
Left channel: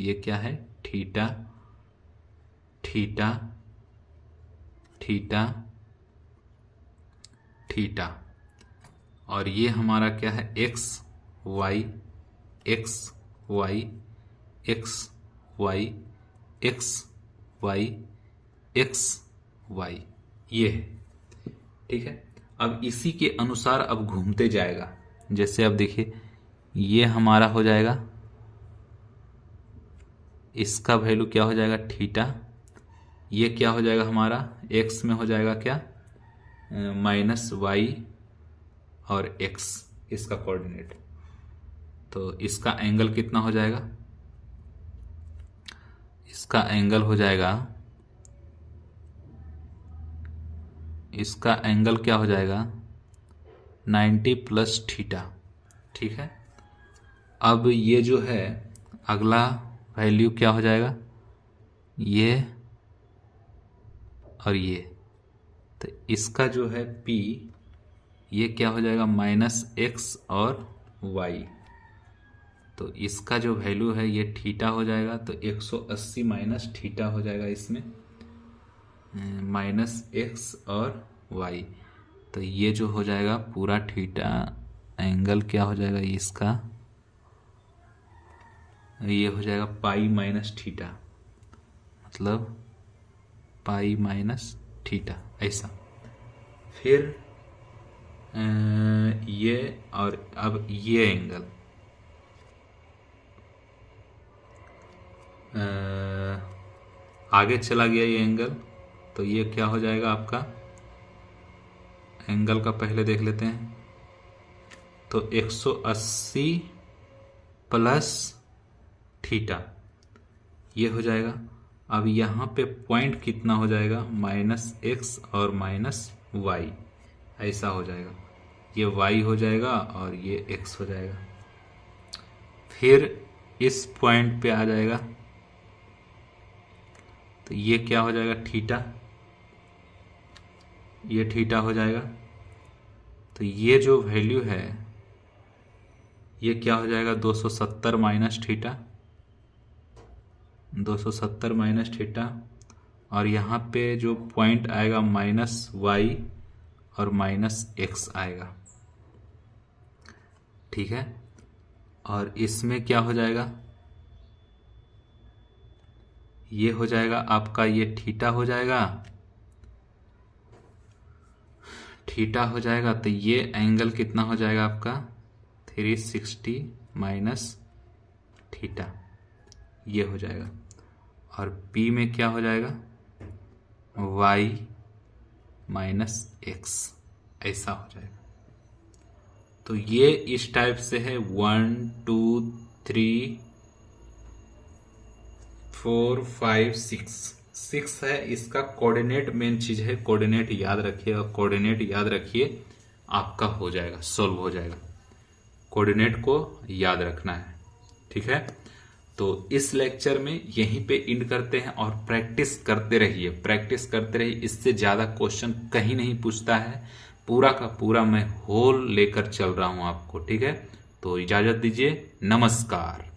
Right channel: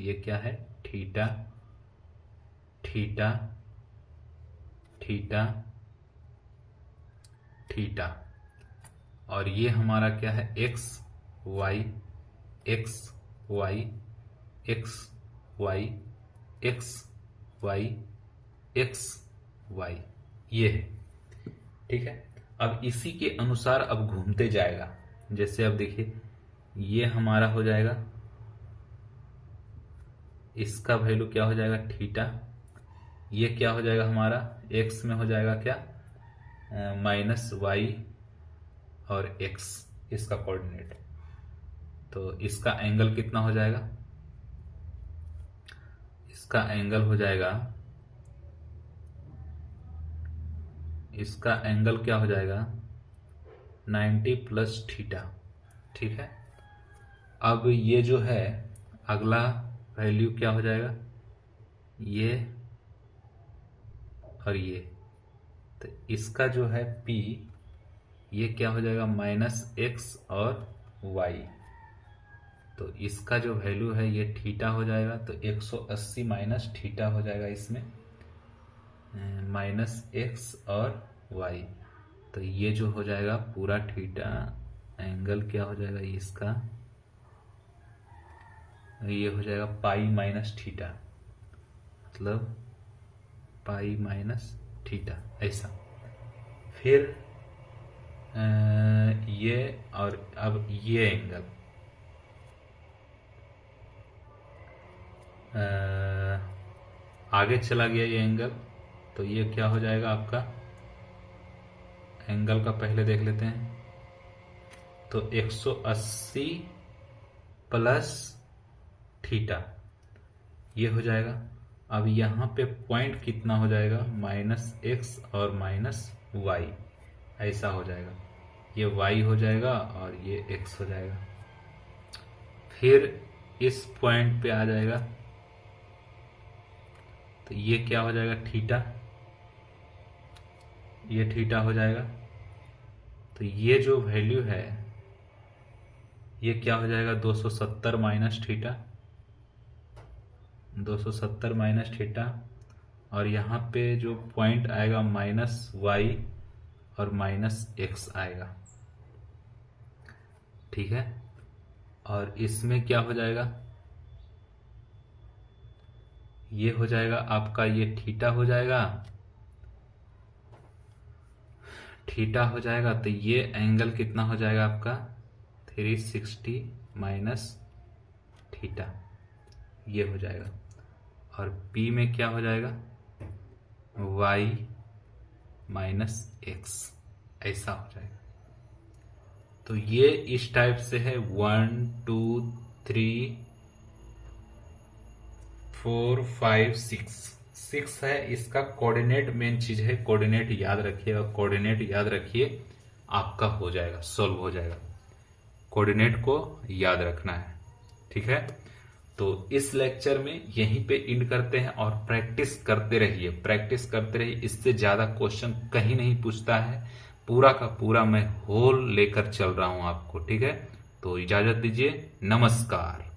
ये क्या है थीटा, थीटा, थीटा, थीटा। और ये हमारा क्या है X Y, X Y, X Y, X Y, X Y, ये है। ठीक है, अब इसी के अनुसार अब घूमते जाएगा। जैसे अब देखिए ये हमारा हो जाएगा, इसका वैल्यू क्या हो जाएगा थीटा, ये क्या हो जाएगा हमारा एक्स में हो जाएगा क्या माइनस वाई और एक्स, इसका कोऑर्डिनेट। तो इसका एंगल कितना हो जाएगा, इसका एंगल हो जाएगा, इसका एंगल क्या हो जाएगा 90 प्लस थीटा। ठीक है, अब ये जो है अगला वैल्यू क्या हो जाएगा, ये और ये। तो इसका जो है P, ये क्या हो जाएगा माइनस एक्स और y। तो इसका जो वैल्यू है ये थीटा हो जाएगा, तो 180 माइनस थीटा हो जाएगा इसमें, माइनस एक्स और y। तो ये जो हो जाएगा पूरा थीटा एंगल क्या हो जाएगा इसका, ये हो जाएगा पाई माइनस थीटा, मतलब पाई माइनस थीटा, ऐसा। फिर ये और अब ये एंगल आगे चला गया ये एंगल, तो ये क्या हो जाएगा आपका एंगल का पहले देख लेते हैं। तो 180 प्लस थीटा ये हो जाएगा। अब यहाँ पे पॉइंट कितना हो जाएगा माइनस एक्स और माइनस वाई, ऐसा हो जाएगा। ये y हो जाएगा और ये x हो जाएगा। फिर इस पॉइंट पे आ जाएगा, तो ये क्या हो जाएगा थीटा, ये थीटा हो जाएगा। तो ये जो वैल्यू है ये क्या हो जाएगा 270 माइनस थीटा, 270 माइनस थीटा। और यहाँ पे जो पॉइंट आएगा माइनस y और माइनस एक्स आएगा। ठीक है, और इसमें क्या हो जाएगा, ये हो जाएगा आपका, ये थीटा हो जाएगा, थीटा हो जाएगा। तो ये एंगल कितना हो जाएगा आपका 360 माइनस थीटा, ये हो जाएगा। और P में क्या हो जाएगा y माइनस एक्स, ऐसा हो जाएगा। तो ये इस टाइप से है 1 2 3 4 5 6 है। इसका कोऑर्डिनेट मेन चीज है, कोऑर्डिनेट याद रखिए, और कोऑर्डिनेट याद रखिए आपका हो जाएगा, सॉल्व हो जाएगा। कोऑर्डिनेट को याद रखना है। ठीक है, तो इस लेक्चर में यहीं पे एंड करते हैं और प्रैक्टिस करते रहिए, प्रैक्टिस करते रहिए। इससे ज्यादा क्वेश्चन कहीं नहीं पूछता है, पूरा का पूरा मैं होल लेकर चल रहा हूं आपको। ठीक है, तो इजाजत दीजिए, नमस्कार।